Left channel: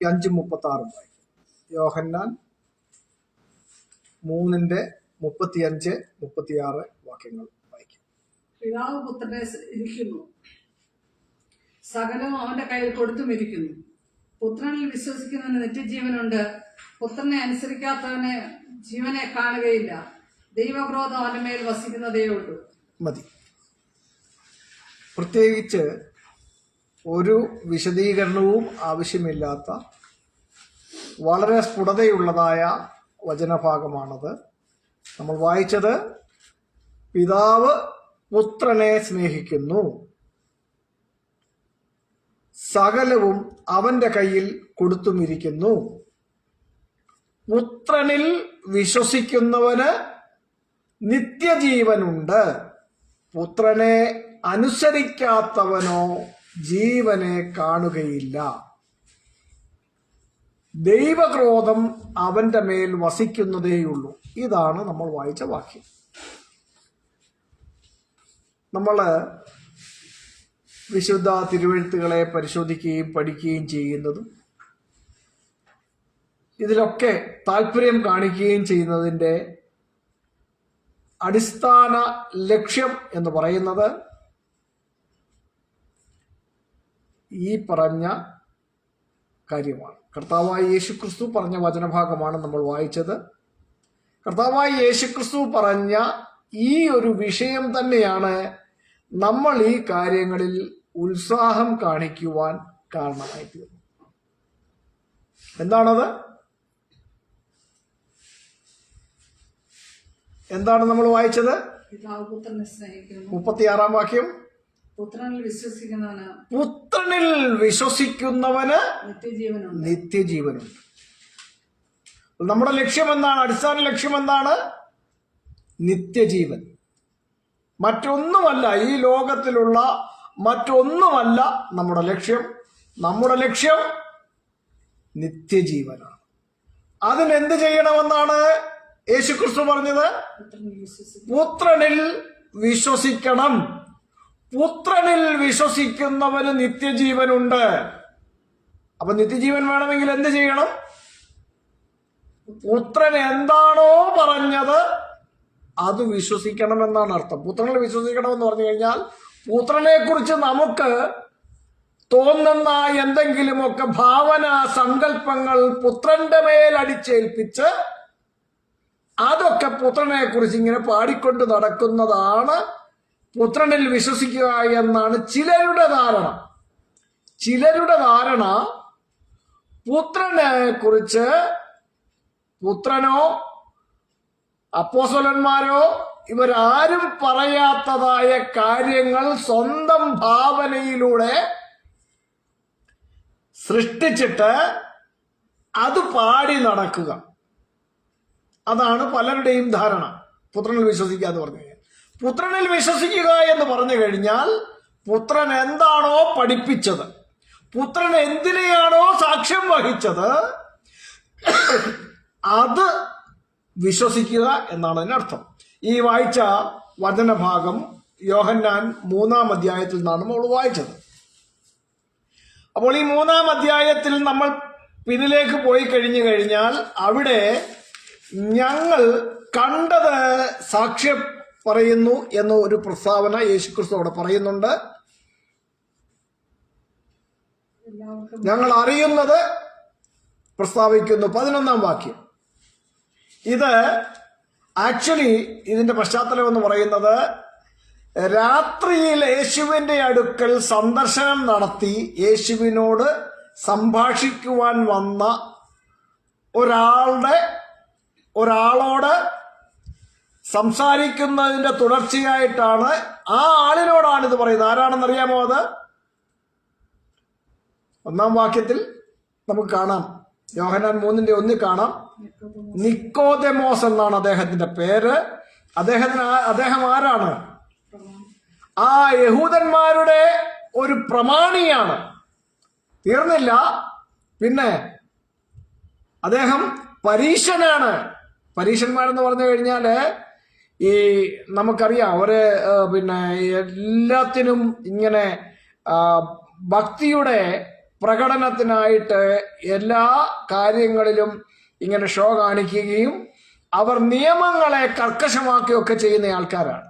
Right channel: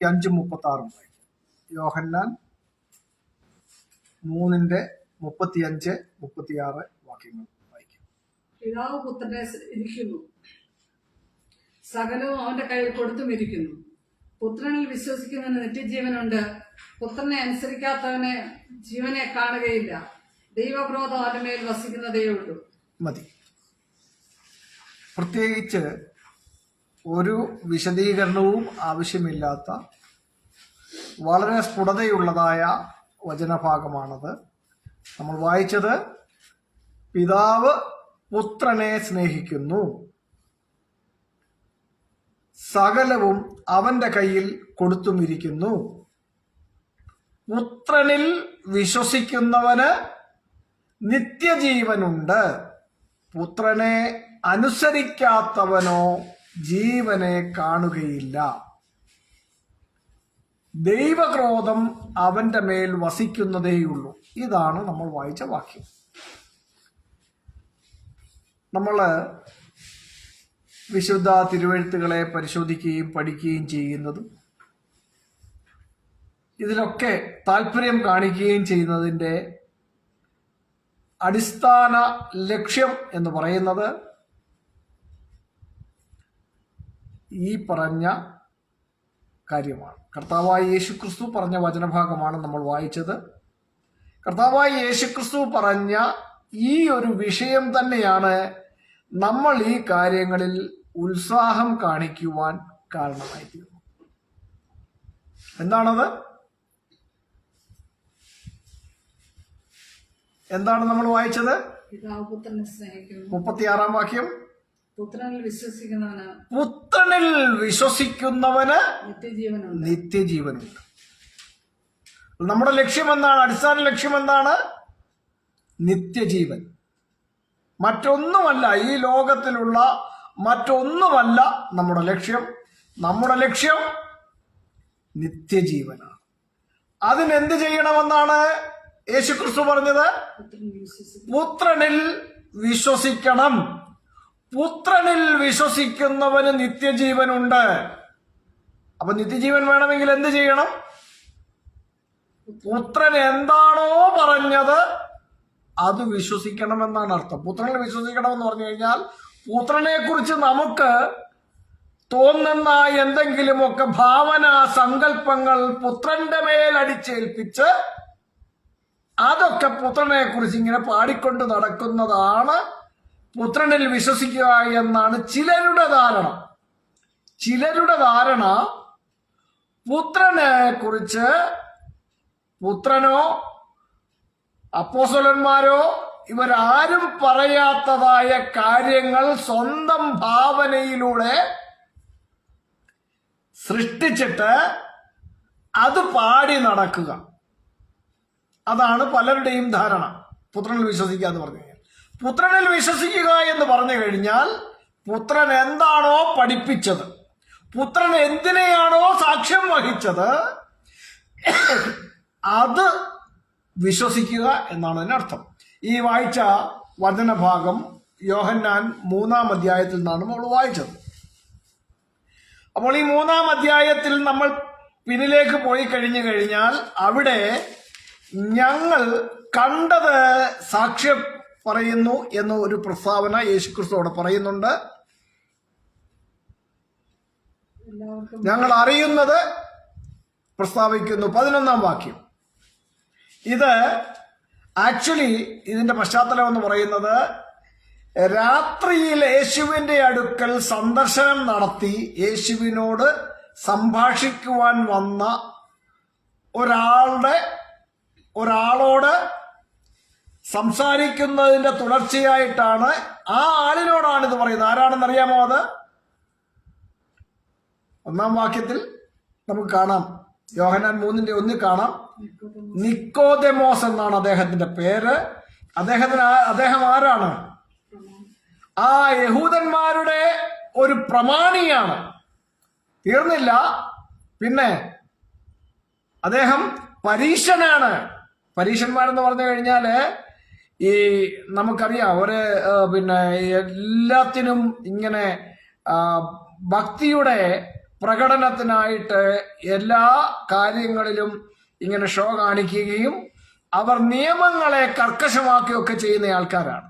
5:36 വായിക്കും. യോഹന്നാൻ 3:35-36 വാക്യങ്ങൾ വായിക്കും. പിതാവ് പുത്രനെ ഇരിക്കുന്നു, സകലവും അവന്റെ കയ്യിൽ കൊടുത്തുമിരിക്കുന്നു. പുത്രനിൽ വിശ്വസിക്കുന്നവന് നിത്യജീവനുണ്ട്. പുത്രനെ അനുസരിക്കാത്തവന് ജീവനെ കാണുകയില്ല. ദൈവക്രോധം അവന്റെ മേൽ വസിക്കുന്നതേ ഉള്ളൂ. മതി. പ്രത്യേകിച്ച് ഒരു വിശദീകരണവും ആവശ്യമില്ലാത്ത വളരെ സ്ഫുടതയുള്ളതായ വചനഭാഗമാണത്. നമ്മൾ വായിച്ചത് പിതാവ് പുത്രനെ സ്നേഹിക്കുന്നു, സകലവും അവന്റെ കയ്യിൽ കൊടുത്തുമിരിക്കുന്നു. പുത്രനിൽ വിശ്വസിക്കുന്നവന് നിത്യജീവനുണ്ട്. പുത്രനെ അനുസരിക്കാത്തവനോ ജീവനെ കാണുകയില്ല. ദൈവക്രോധം അവന്റെ മേൽ വസിക്കുന്നതേയുള്ളൂ. ഇതാണ് നമ്മൾ വായിച്ച വാക്യം. നമ്മൾ വിശുദ്ധ തിരുവെഴുത്തുകളെ പരിശോധിക്കുകയും പഠിക്കുകയും ചെയ്യുന്നതും ഇതിലൊക്കെ താല്പര്യം കാണിക്കുകയും ചെയ്യുന്നതിൻ്റെ അടിസ്ഥാന ലക്ഷ്യം എന്ന് പറയുന്നത് ഈ പറഞ്ഞ കാര്യമാണ്. കർത്താവായ യേശുക്രിസ്തു പറഞ്ഞ വചനഭാഗമാണ് നമ്മൾ വായിച്ചത്. കർത്താവായ യേശുക്രിസ്തു പറഞ്ഞ ഈ ഒരു വിഷയം തന്നെയാണ് നമ്മൾ ഈ കാര്യങ്ങളിൽ ഉത്സാഹം കാണിക്കുവാൻ കാരണമായി തീർന്നു. എന്താണത്? എന്താണ് നമ്മൾ വായിച്ചത്? 36 വാക്യം. പുത്രനിൽ വിശ്വസിക്കുന്നവന് നിത്യജീവനുണ്ട്. നമ്മുടെ ലക്ഷ്യം എന്താണ്? അടിസ്ഥാന ലക്ഷ്യം എന്താണ്? നിത്യജീവൻ. മറ്റൊന്നുമല്ല, ഈ ലോകത്തിലുള്ള മറ്റൊന്നുമല്ല നമ്മുടെ ലക്ഷ്യം. നമ്മുടെ ലക്ഷ്യം നിത്യജീവനാണ്. അതിനെന്ത് ചെയ്യണമെന്നാണ് യേശുക്രിസ്തു പറഞ്ഞത്? പുത്രനിൽ വിശ്വസിക്കണം. പുത്രനിൽ വിശ്വസിക്കുന്നവന് നിത്യജീവനുണ്ട്. അപ്പൊ നിത്യജീവൻ വേണമെങ്കിൽ എന്ത് ചെയ്യണം? പുത്രൻ എന്താണോ പറഞ്ഞത് അത് വിശ്വസിക്കണമെന്നാണ് അർത്ഥം. പുത്രനിൽ വിശ്വസിക്കണമെന്ന് പറഞ്ഞു കഴിഞ്ഞാൽ പുത്രനെ കുറിച്ച് നമുക്ക് തോന്നുന്ന എന്തെങ്കിലുമൊക്കെ ഭാവന സങ്കല്പങ്ങൾ പുത്രന്റെ മേൽ അടിച്ചേൽപ്പിച്ച് അതൊക്കെ പുത്രനെ കുറിച്ച് ഇങ്ങനെ പാടിക്കൊണ്ട് നടക്കുന്നതാണ് പുത്രനിൽ വിശ്വസിക്കുക എന്നാണ് ചിലരുടെ ധാരണ. പുത്രനെ കുറിച്ച് പുത്രനോ അപ്പോസ്തലന്മാരോ ഇവരാരും പറയാത്തതായ കാര്യങ്ങൾ സ്വന്തം ഭാവനയിലൂടെ സൃഷ്ടിച്ചിട്ട് അത് പാടി നടക്കുക. അതാണ് പലരുടെയും ധാരണ. പുത്രനിൽ വിശ്വസിക്കുക എന്ന് പറഞ്ഞു കഴിഞ്ഞാൽ, പുത്രനിൽ വിശ്വസിക്കുക എന്ന് പറഞ്ഞു കഴിഞ്ഞാൽ പുത്രൻ എന്താണോ പഠിപ്പിച്ചത്, പുത്രൻ എന്തിനെയാണോ സാക്ഷ്യം വഹിച്ചത് അത് വിശ്വസിക്കുക എന്നാണ് അതിനർത്ഥം. ഈ വായിച്ച വചനഭാഗം യോഹന്നാൻ 3-ാം അധ്യായത്തിൽ നിന്നാണ് നമ്മൾ വായിച്ചത്. അപ്പോൾ ഈ 3-ാം അധ്യായത്തിൽ നമ്മൾ പിന്നിലേക്ക് പോയി കഴിഞ്ഞു കഴിഞ്ഞാൽ അവിടെ ഞങ്ങൾ കണ്ടത് സാക്ഷ്യം പറയുന്നു എന്ന ഒരു പ്രസ്താവന യേശുക്രിസ്തു അവിടെ പറയുന്നുണ്ട്. ഞങ്ങൾ അറിയുന്നത് പ്രസ്താവിക്കുന്നു. 11-ാം വാക്യം. ഇത് ആക്ച്വലി ഇതിന്റെ പശ്ചാത്തലം എന്ന് പറയുന്നത് രാത്രിയിൽ യേശുവിന്റെ അടുക്കൽ സന്ദർശനം നടത്തി യേശുവിനോട് സംഭാഷിക്കുവാൻ വന്ന ഒരാളോട് സംസാരിക്കുന്നതിന്റെ തുടർച്ചയായിട്ടാണ്. ആ ആളിനോടാണ് ഇത് പറയുന്നത്. ആരാണെന്നറിയാമോ? അത് 1-ാം വാക്യത്തിൽ നമുക്ക് കാണാം. യോഹന്നാൻ 3:1 കാണാം. നിക്കോദെമോസ് എന്നാണ് അദ്ദേഹത്തിന്റെ പേര്. അദ്ദേഹം ആരാണ്? ആ യഹൂദന്മാരുടെ ഒരു പ്രമാണിയാണ്. തീർന്നില്ല, പിന്നെ അദ്ദേഹം പരീശനാണ്. പരീശന്മാരെന്ന് പറഞ്ഞു കഴിഞ്ഞാല് ഈ നമുക്കറിയാം എല്ലാത്തിനും ഇങ്ങനെ ഭക്തിയുടെ പ്രകടനത്തിനായിട്ട് എല്ലാ കാര്യങ്ങളിലും ഇങ്ങനെ ഷോ കാണിക്കുകയും അവർ നിയമങ്ങളെ കർക്കശമാക്കുകയൊക്കെ ചെയ്യുന്ന ആൾക്കാരാണ്.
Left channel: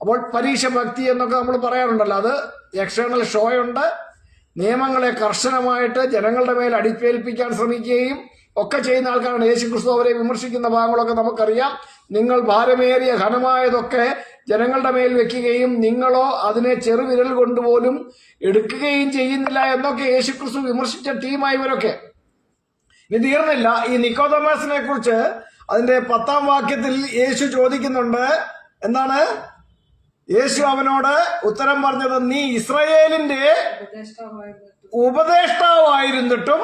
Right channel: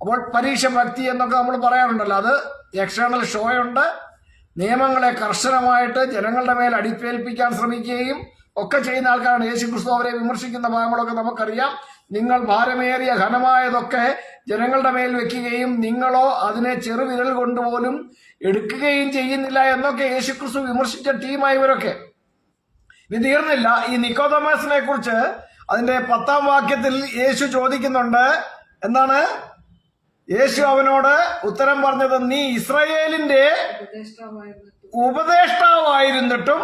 അപ്പോൾ പരീക്ഷ ഭക്തി എന്നൊക്കെ നമ്മൾ പറയാറുണ്ടല്ലോ, അത് എക്സ്റ്റേണൽ ഷോയുണ്ട്. നിയമങ്ങളെ കർശനമായിട്ട് ജനങ്ങളുടെ മേൽ അടിച്ചേൽപ്പിക്കാൻ ശ്രമിക്കുകയും ഒക്കെ ചെയ്യുന്ന ആൾക്കാരാണ്. യേശുക്രിസ്തു അവരെ വിമർശിക്കുന്ന ഭാഗങ്ങളൊക്കെ നമുക്കറിയാം. നിങ്ങൾ ഭാരമേറിയ ഘനമായതൊക്കെ ജനങ്ങളുടെ മേൽ വെക്കുകയും നിങ്ങളോ അതിനെ ചെറുവിരൽ കൊണ്ടുപോലും എടുക്കുകയും ചെയ്യുന്നില്ല എന്നൊക്കെ യേശുക്രിസ്തു വിമർശിച്ച ടീമായി ഇവരൊക്കെ. ഇനി തീർന്നില്ല. ഈ നിക്കോദെമോസിനെ കുറിച്ച് അതിന്റെ 10-ാം വാക്യത്തിൽ യേശു ചോദിക്കുന്നുണ്ട്. എന്താണ് യേശു അവനോട് ഉത്തരം പറഞ്ഞത്? നീ ഇസ്രായേലിന്റെ ഉപദേഷ്ടാവായിരുന്നിട്ടും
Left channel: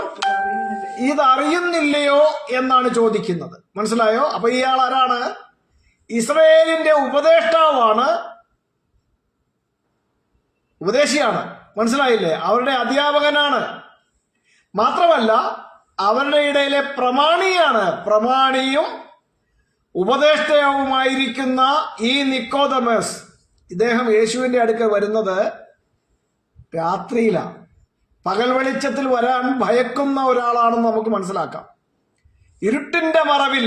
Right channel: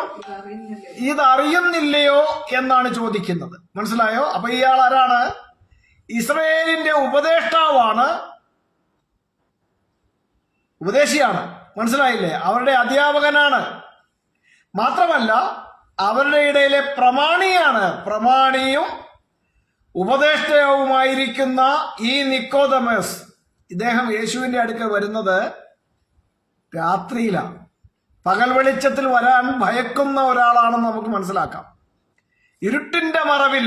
ഇതറിയുന്നില്ലയോ എന്നാണ് ചോദിക്കുന്നത്. മനസ്സിലായോ? അപ്പൊ ഇയാൾ ആരാണ്? ഇസ്രായേലിന്റെ ഉപദേഷ്ടാവാണ്, ഉപദേശിയാണ്. മനസ്സിലായില്ലേ? അവരുടെ അധ്യാപകനാണ്. മാത്രമല്ല അവരുടെ ഇടയിലെ പ്രമാണിയാണ്. പ്രമാണിയും ഉപദേഷ്ടാവുമായിരിക്കുന്ന ഈ നിക്കോദെമോസ്, ഇദ്ദേഹം യേശുവിന്റെ അടുക്കൽ വരുന്നത് രാത്രിയിലാണ്. പകൽ വെളിച്ചത്തിൽ വരാൻ ഭയക്കുന്ന ഒരാളാണെന്ന് നമുക്ക് മനസ്സിലാക്കാം. ഇരുട്ടിന്റെ മറവിൽ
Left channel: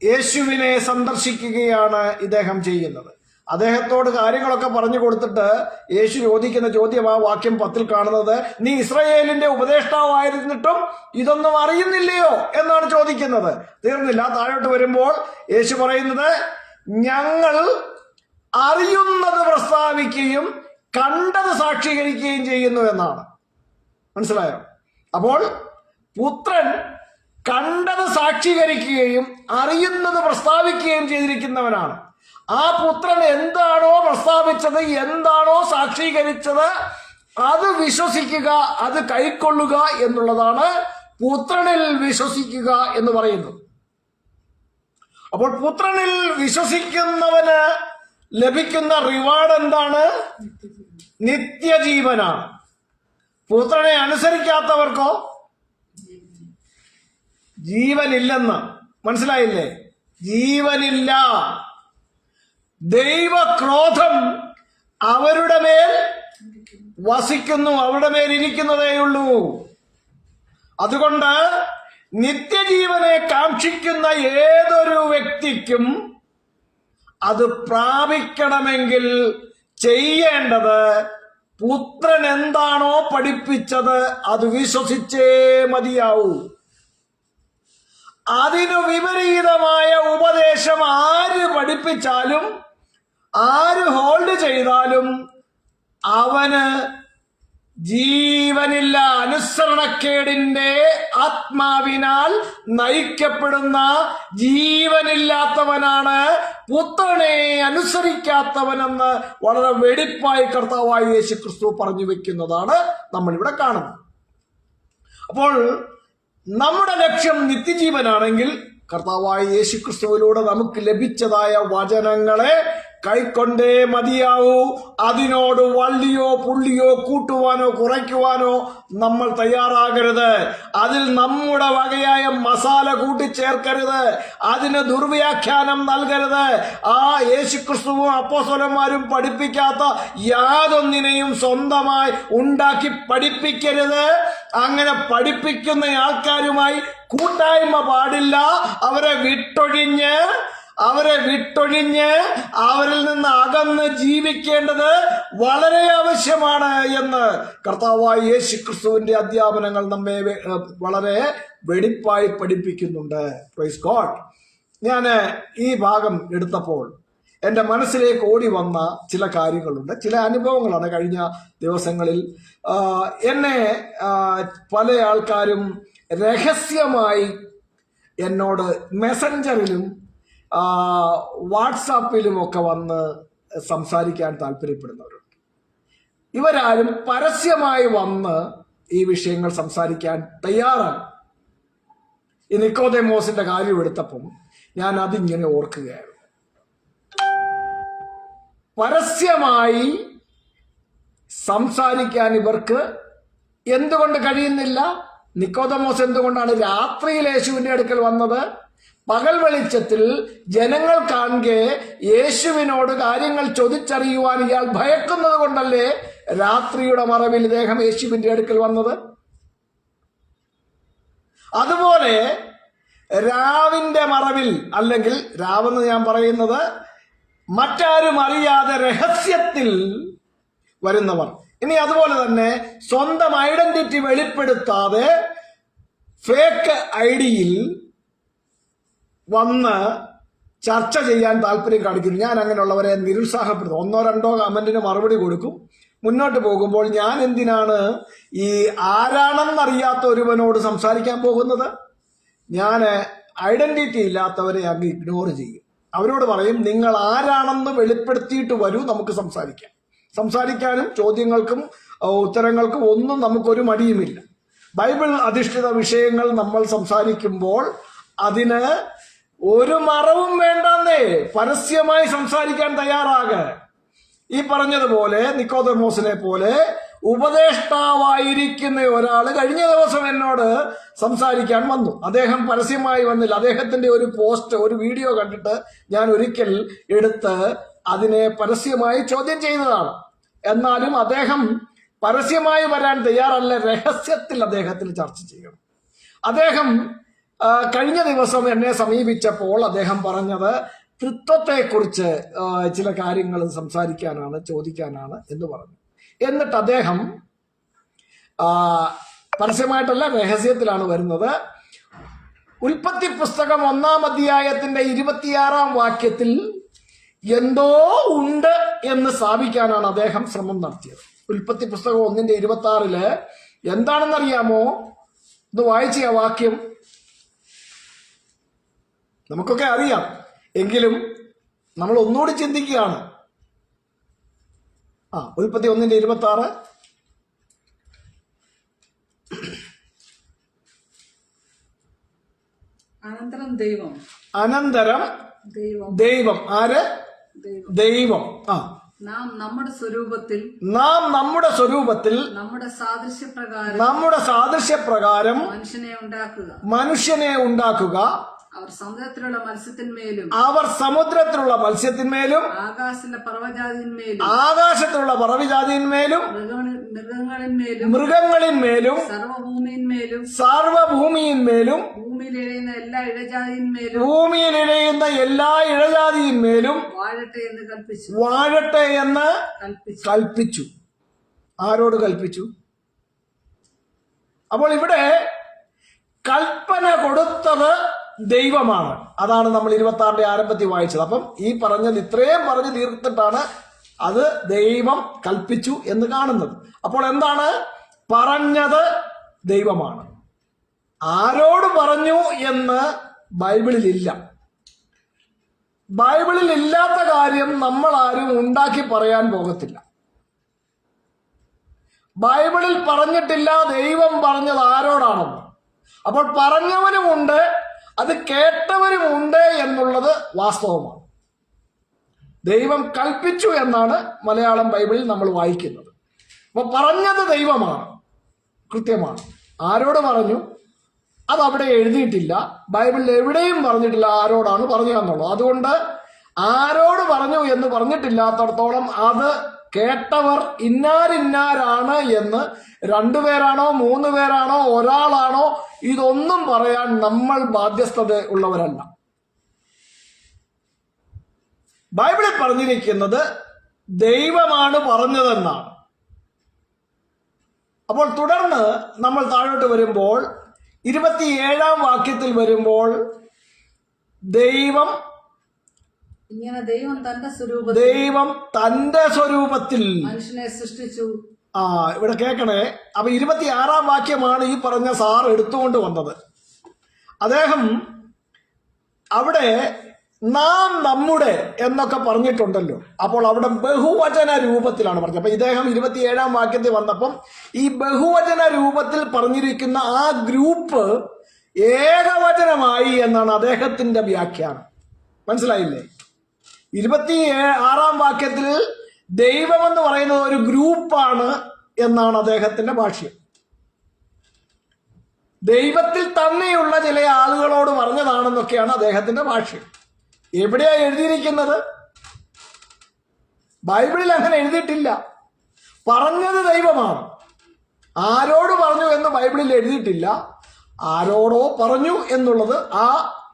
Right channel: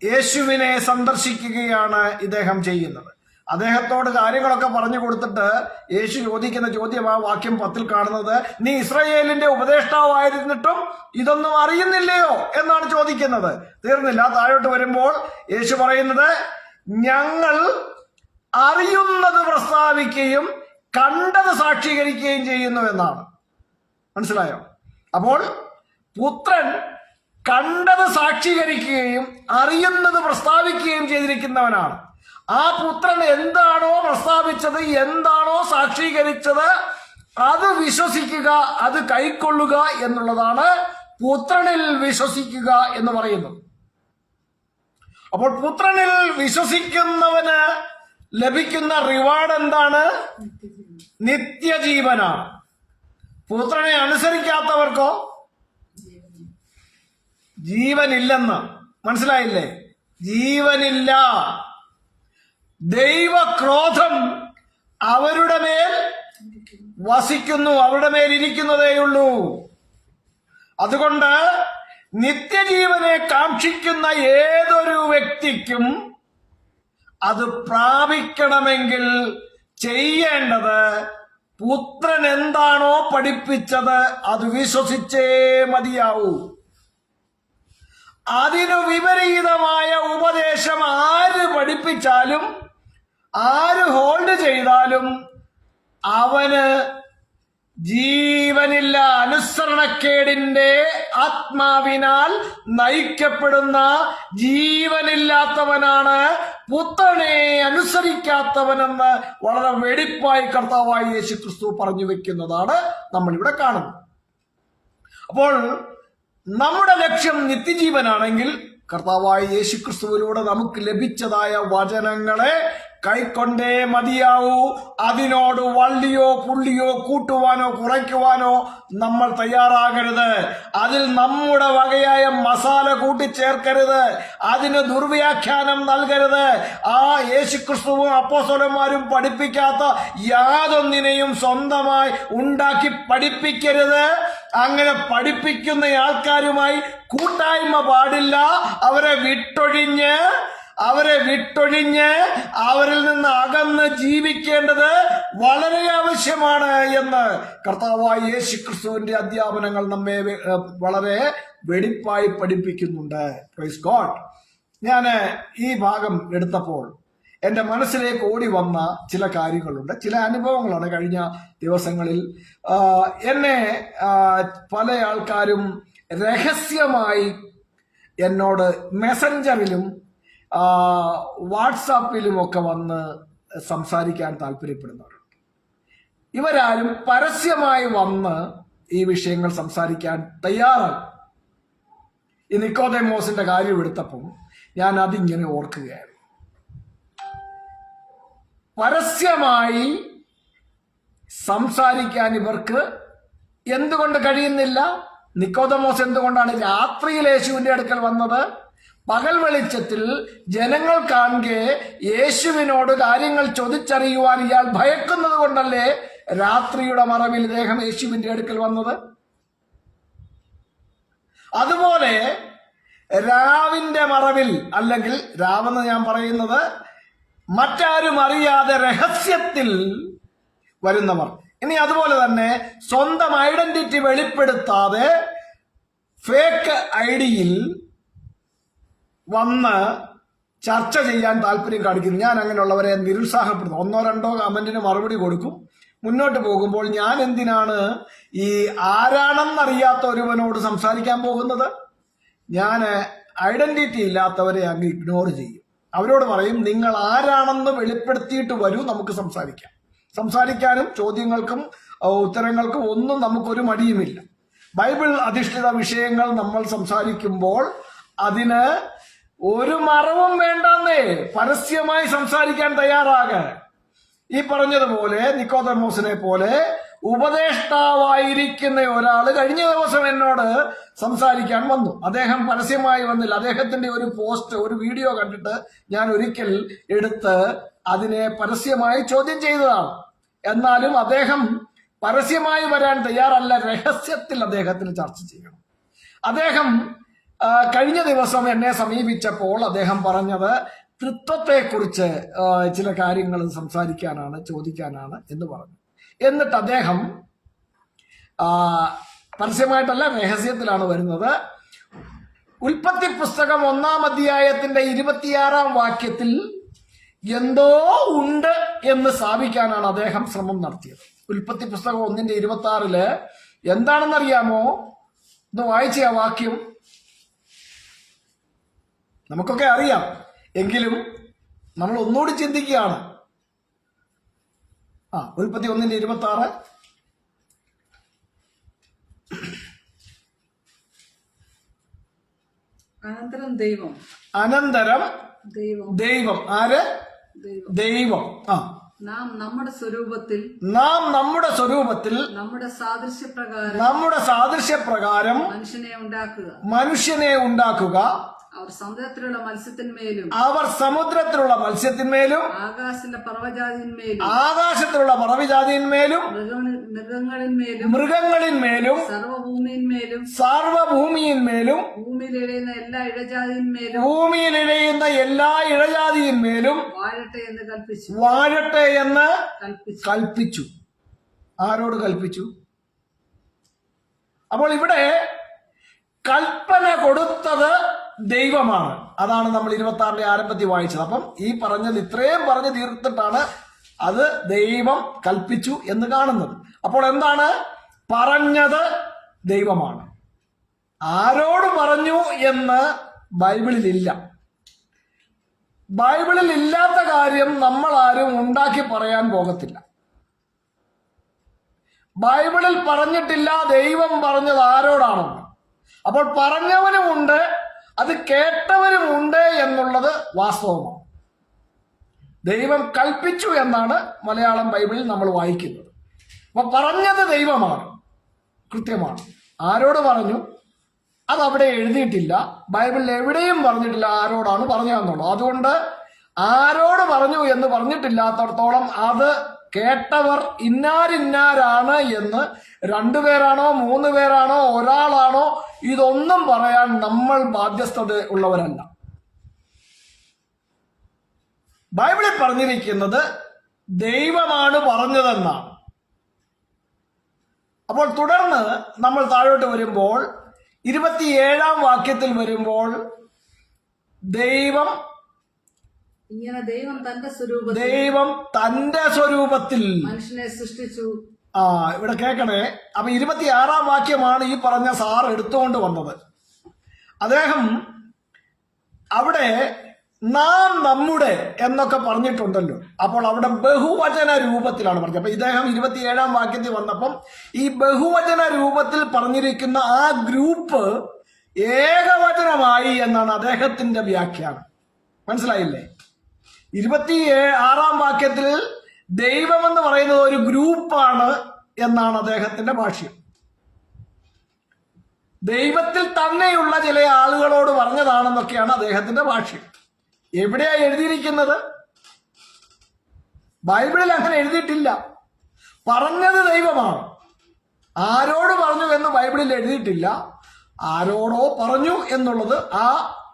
യേശുവിനെ സന്ദർശിക്കുകയാണ് ഇദ്ദേഹം ചെയ്യുന്നത്. അദ്ദേഹത്തോട് കാര്യങ്ങളൊക്കെ പറഞ്ഞു കൊടുത്തിട്ട് യേശു ചോദിക്കുന്ന ചോദ്യം ആ വാക്യം 10 കാണുന്നത്, നീ ഇസ്രായേലിന്റെ ഉപദേഷ്ടാവായിരുന്നിട്ടും ഇതൊന്നും അറിയുന്നില്ലയോ എന്നാണ് ചോദിക്കുന്നത്. തീർന്നില്ല. താഴോട്ട് വരുമ്പോൾ യേശു പറയുന്നത്, ഞങ്ങൾ അറിയുന്നത് പ്രസ്താവിക്കുകയും കണ്ടത് സാക്ഷീകരിക്കുകയും ചെയ്യുന്നു എന്നാണ്. മനസ്സിലായോ? അപ്പോൾ പുത്രൻ കണ്ടത് സാക്ഷീകരിക്കുകയും അറിയുന്നത് പ്രസ്താവിക്കുകയും ചെയ്തിരിക്കുന്നവനാണ്. ആ പുത്രൻ എന്താണോ പ്രസ്താവിച്ചത്, എന്താണോ സാക്ഷീകരിച്ചത്, അത് വിശ്വസിക്കുക, അത് കൈക്കൊള്ളുക എന്നുള്ളതാണ് പുത്രനിൽ വിശ്വസിക്കുക എന്ന് പറയുന്നു. അപ്പോൾ പുത്രനിൽ വിശ്വസിക്കുന്നവന് ലഭിക്കുന്ന റിവാർഡ് എന്താണ്? നിത്യജീവനാണ്. പുത്രനെ അനുസരിക്കാത്തവർക്കോ ജീവനില്ലെന്ന്. മനസ്സിലായില്ലേ? ജീവനില്ല. ദൈവക്രോധം അവരുടെ മേൽ വസിക്കുന്നു, അവരുടെ മേൽ ഇരിക്കുന്നതേയുള്ളൂ. അതുകൊണ്ട് നിത്യജീവനെ കാക്ഷിക്കുന്ന ഏതൊരു വ്യക്തിക്കും അത് പ്രാപിക്കണമെങ്കിൽ ചെയ്യേണ്ടത് പുത്രൻ എന്താണോ പഠിപ്പിച്ചത് അത് വിശ്വസിച്ചേ മതിയാവൂ. അതിനു വിപരീതമായ ഉപദേശം ആര് പഠിപ്പിച്ചാലും ആര് ഹോൾഡ് ചെയ്താലും അവന് ജീവനില്ല. അനുസരണക്കേടിന്റെ ആത്മാവിനാൽ നയിക്കപ്പെടുന്ന ജീവനില്ലാത്തവനാണ് പുത്രനെ അനുസരിക്കാത്തവനെന്ന് വളരെ വെടിപ്പായി കർത്താവായ യേശുക്രിസ്തു പറഞ്ഞു വെക്കുന്നതാണ് നമ്മളിവിടെ കാണുന്നത്. അപ്പോൾ നമ്മുടെ ലക്ഷ്യം നിത്യജീവനാണെങ്കിൽ കർത്താവായ യേശുക്രിസ്തുവിലൂടെ നമുക്ക് ലഭിച്ചതായ വചനങ്ങളെ കൈക്കൊണ്ടേ മതിയാവൂ. അതിനോട് വള്ളിയോ പുള്ളിയോ കൂട്ടുവാനോ കുറയ്ക്കുവാനോ നമ്മൾ തയ്യാറാകരുത്. അതിൽ നമ്മുടെ വകയായ മസാല കൂട്ടിച്ചേർക്കരുത്. അതിന് ദുർവ്യാഖ്യാനം നൽകരുത്. ആ യേശുക്രിസ്തുവും അപ്പോസ്തലന്മാരും പഠിപ്പിക്കാത്ത യാതൊന്നിനെയും സ്വന്തമായി ഉണ്ടാക്കി പഠിപ്പിക്കരുത്. അങ്ങനെ പഠിപ്പിക്കുന്ന ആൾക്കാരുമായി കൂട്ടായ്മ പാടില്ല. അവരെ വിട്ടൊഴിഞ്ഞ് അവരിൽ നിന്ന് അകന്ന് ജീവിക്കേണ്ടത് വളരെ ആവശ്യമാണ് എന്ന് കർത്താവായ യേശുക്രിസ്തുവിന്റെ അധ്യാപനങ്ങൾ നമ്മെ വളരെ വെടിപ്പായി പഠിപ്പിക്കുന്നുണ്ട്. Praise God. ഞാൻ ഈ ഭാഗം എടുത്തപ്പോൾ എൻ്റെ മനസ്സിലേക്ക് ഓടി വന്ന ചില കാര്യങ്ങളുണ്ട്, ചില അനുഭവങ്ങളാണ്. കഴിഞ്ഞ ദിവസങ്ങളിൽ എന്നെ പല ആൾക്കാരും രഹസ്യമായി എന്നോട് മെസ്സഞ്ചറിലും വാട്സാപ്പിലുമൊക്കെ വന്ന് സംസാരിക്കാൻ താല്പര്യപ്പെടുന്നവരുണ്ട്. ഇവരാരും പരസ്യമായി വന്ന് ഈ വിഷയങ്ങൾ സംസാരിക്കാൻ തയ്യാറാണ്. ഈ നിക്കോദെമോസിന്റെ കാര്യം എടുത്തപ്പം ഞാൻ അതിങ്ങനെ ഓർക്കുകയായിരുന്നു. പരസ്യമായി സംസാരിക്കാൻ ഇവർക്ക് എന്തുകൊണ്ട് കഴിയുന്നില്ല? നിക്കോദെമോസ് എന്തുകൊണ്ടാണ് രാത്രിയിൽ യേശുവിന്റെ അടുക്കൽ വന്നത്? പകൽ വെളിച്ചത്തിൽ ജനങ്ങൾ കാണെ യേശുവിനോട് കാര്യങ്ങൾ ചോദിച്ചറിയുവാൻ ഇയാൾ ഭയക്കുന്നത് കൊണ്ടല്ലേ രാത്രിയുടെ മറവിൽ ഇദ്ദേഹം യേശുവിന്റെ അടുക്കൽ വന്നത്? അതുപോലെ രാവിന്റെ മറവിൽ, അല്ലെങ്കിൽ രാവെന്ന് ഞാൻ പറയുന്നത് മറ്റാരും അറിയാതെ രഹസ്യത്തിൽ വരുന്നവർ. ഇനി അതുപോലെ തന്നെ സ്വന്തം ഐഡന്റിറ്റി വെളിപ്പെടുത്താതെ ഫേക്ക് ഐഡിയിൽ വന്ന് ചർച്ച ചെയ്യാൻ താല്പര്യം കാണിക്കുന്നു. ഞാൻ അങ്ങനെയുള്ളവരെ നിരുത്സാഹപ്പെടുത്തും. 1-2 കമന്റിന് മറുപടി കൊടുക്കും. മുന്നോട്ട് പോകുമ്പോൾ ഞാൻ എന്തിനാണ് ഈ ആരാണെന്നറിയാത്ത ഒരുവനോട് സംസാരിക്കാൻ പോകുന്നത്? ഞാൻ ഐഡന്റിറ്റി ഇല്ലാത്തവരെ അങ്ങ് ഇഗ്നോർ ചെയ്യും. അവരോട് പറയും, നിങ്ങൾ ആരാണെന്ന് വെളിപ്പെടുത്തിയിട്ട് വരൂ, നമുക്ക് സംസാരിക്കാം. സംസാരിക്കാനും ചോദ്യങ്ങൾക്കും ഉത്തരങ്ങൾക്കും ഒന്നും നമുക്കൊരു മടിയുമില്ല. ബൈബിൾ അധിഷ്ഠിത വിഷയങ്ങൾ നമ്മൾ സംസാരിക്കുമ്പോൾ അതിന് ഒരു മറവും വേണ്ടെന്നേ, പരസ്യമായി സംസാരിക്കാൻ തയ്യാറാകുക. ഈ പറഞ്ഞതുപോലെ നിക്കോദെമോസിനെ പോലെ ഉപദേഷ്ടാവായിരിക്കുന്ന ഒരാള് കഴിഞ്ഞ ദിവസം എന്നോട് സംസാരിക്കാൻ വന്നു. അദ്ദേഹം പരസ്യമായി വന്നില്ല. അദ്ദേഹത്തിന്റെ ഒരു പോസ്റ്റ്, ഒരു വീഡിയോ കണ്ടിട്ട് ഞാൻ ഒരിക്കൽ എടുത്ത് അതിനെ പരസ്യമായി ചോദ്യം ചെയ്തതാണ്. എന്നാലും അദ്ദേഹം പരസ്യമായി വരാൻ തയ്യാറല്ല. രഹസ്യത്തിൽ അദ്ദേഹത്തിന് ചർച്ച ചെയ്യണം. അദ്ദേഹം കഴിഞ്ഞ ദിവസം എന്നെ സമീപിച്ചപ്പോൾ അദ്ദേഹം പറഞ്ഞത് തൃത്വത്തെക്കുറിച്ച് ചില കാര്യങ്ങൾ സംസാരിക്കാനാണ്, ചോദിക്കാനാണ് എന്ന് പറഞ്ഞു. എന്നിട്ട് അദ്ദേഹം പരസ്യമായിട്ടല്ല, രഹസ്യത്തിലാണ് വരുന്നത്. ഉൽപ്പത്തി പുസ്തകം 1-ാം അധ്യായത്തിന്റെ 26-ാം വാക്യത്തിൽ എന്തോ ഉണ്ട് എന്ന് സ്ഥാപിക്കാനാണ് അദ്ദേഹം ശ്രമം നടത്തിയത്. ഉൽപ്പത്തി പുസ്തകം 1-26 എന്താണെന്നറിയാമോ? ഇത് വായിച്ച ആ വാക്യം നമുക്കൊക്കെ അറിയാം, എങ്കിലും നമ്മൾ ഒന്നുകൂടി ചിന്തിക്കുകയാണ്. ഉൽപ്പത്തി 1-26. അനന്തരം ദൈവം. ആര്? ദൈവം. നാം നമ്മുടെ സ്വരൂപത്തിൽ നമ്മുടെ സാദൃശ്യപ്രകാരം മനുഷ്യനെ ഉണ്ടാക്കുക. അവർ സമുദ്രത്തിലുള്ള മത്സ്യത്തിന്മേലും ആകാശത്തിലുള്ള പറവജാതിന്മേലും മൃഗങ്ങളിന്മേലും സർവഭൂമിയിന്മേലും ഭൂമിയിലിഴയുന്ന എല്ലാ ഇഴജാതിയിന്മേലും വാഴട്ടെ എന്ന് കൽപ്പിച്ചു. ആരോട് കൽപ്പിച്ചു? അപ്പോൾ ഇവിടെ കൽപ്പന കൊടുത്തത് ദൈവമാണ്. അതാണ് നമ്മൾ 26-ന്റെ ആരംഭത്തിൽ വായിച്ചത്. അപ്പം ഈ പറഞ്ഞത് ഇത്രയും പറഞ്ഞു തീർത്തിട്ടാണ് അത് ദൈവം കൽപ്പിച്ചു എന്ന് കാണുന്നത്. അപ്പോൾ എന്താണ് പറഞ്ഞത്? ദൈവമാണ്. ആരോട് പറഞ്ഞു എന്ന് ബൈബിളിലില്ല. ബൈബിളിൽ ഇല്ലാത്ത കാര്യം നമ്മൾ ആരും ഉണ്ടാക്കി പറയാൻ പോകത്തില്ല. ബൈബിളിൽ പറഞ്ഞിട്ടില്ല ദൈവം പറഞ്ഞത് ആരോടാണെന്ന്. അപ്പോൾ പറഞ്ഞവനുമുണ്ട്, അത് കേട്ടവരുമുണ്ട് എന്നുള്ളത് വാസ്തവമാണ്. ദൈവം കൽപ്പിച്ചു എന്നാണ് മലയാളം ബൈബിളിൽ നമ്മൾ വായിക്കുന്നത്. അപ്പൊ പറഞ്ഞത് ദൈവമാണ്, കൃത്യമാണ്. ആരോട് പറഞ്ഞു അതവിടെ എഴുതിയിട്ടില്ല. ബൈബിളിൽ എവിടെയും പറഞ്ഞിട്ടില്ല ആരോടാണ് പറഞ്ഞു എന്നുള്ളത്. അതുകൊണ്ട് ആരോട് പറഞ്ഞു എന്ന് പറഞ്ഞിട്ടില്ലാത്തടത്തോളം അത് കേട്ടവർ ഇന്നാരിന്നാരാണ് എന്ന് 2 പേരാണോ 3 പേരാണോ ഒരാളാണോ ഇതൊന്നും പറയാൻ നമ്മൾ ബാധ്യസ്ഥത ഉള്ളവരല്ല. ബൈബിളിൽ പറഞ്ഞിരിക്കുന്നത് ദൈവമാണ് പറഞ്ഞതെന്നാണ്. അപ്പോൾ തുടർന്ന് നമ്മൾ താഴോട്ട് വരുമ്പോൾ 27-ാം വാക്യത്തിൽ വരുമ്പോൾ ദൈവം തന്റെ സ്വരൂപത്തിൽ മനുഷ്യനെ സൃഷ്ടിച്ചു. ഇവിടെ കേൾക്കണേ. അപ്പൊ 26-ാം വാക്യമാണ് ഈ പറഞ്ഞ സാർ എടുത്തുകൊണ്ട് വന്നത്. അദ്ദേഹം അവിടെ നാം നമ്മുടെ എന്നൊക്കെ പറഞ്ഞിട്ടുണ്ടല്ലോ. അപ്പോൾ അവിടെ ബഹുവചന രൂപത്തിലാണ് പറഞ്ഞത്. അപ്പൊ ഇദ്ദേഹം 27-ാം വാക്യത്തിൽ വന്നപ്പം ഈ ബഹുവചന രൂപത്തിൽ പറഞ്ഞിരിക്കുന്ന ആ ഗ്രൂപ്പ് ഏകവചനമായി എന്നാണ് അദ്ദേഹത്തിന്റെ വ്യാഖ്യാനം. മനസ്സിലായില്ലേ? 26-ാം വാക്യത്തിൽ ദൈവം എന്ന് പറയുന്നത് ഒരു ഗ്രൂപ്പാണ് എന്നാണ് അദ്ദേഹത്തിന്റെ ഭാഷ്യം. ദൈവത്തിൽ തന്നെയുള്ള ചില ആളുകളോട് പറഞ്ഞതാണെന്നൊക്കെയാണ് അദ്ദേഹത്തിന്റെ ഭാഷ്യം. എവിടെയാ എഴുതിയിരിക്കുന്നത്? ബൈബിളിൽ അങ്ങനെ എഴുതിയിട്ടില്ല. പറഞ്ഞത് ദൈവമാണ്. ആരോട് പറഞ്ഞു എന്ന് ബൈബിളിൽ എഴുതിയിട്ടില്ല. ആരോടോ പറഞ്ഞു എന്നുള്ളത് ആ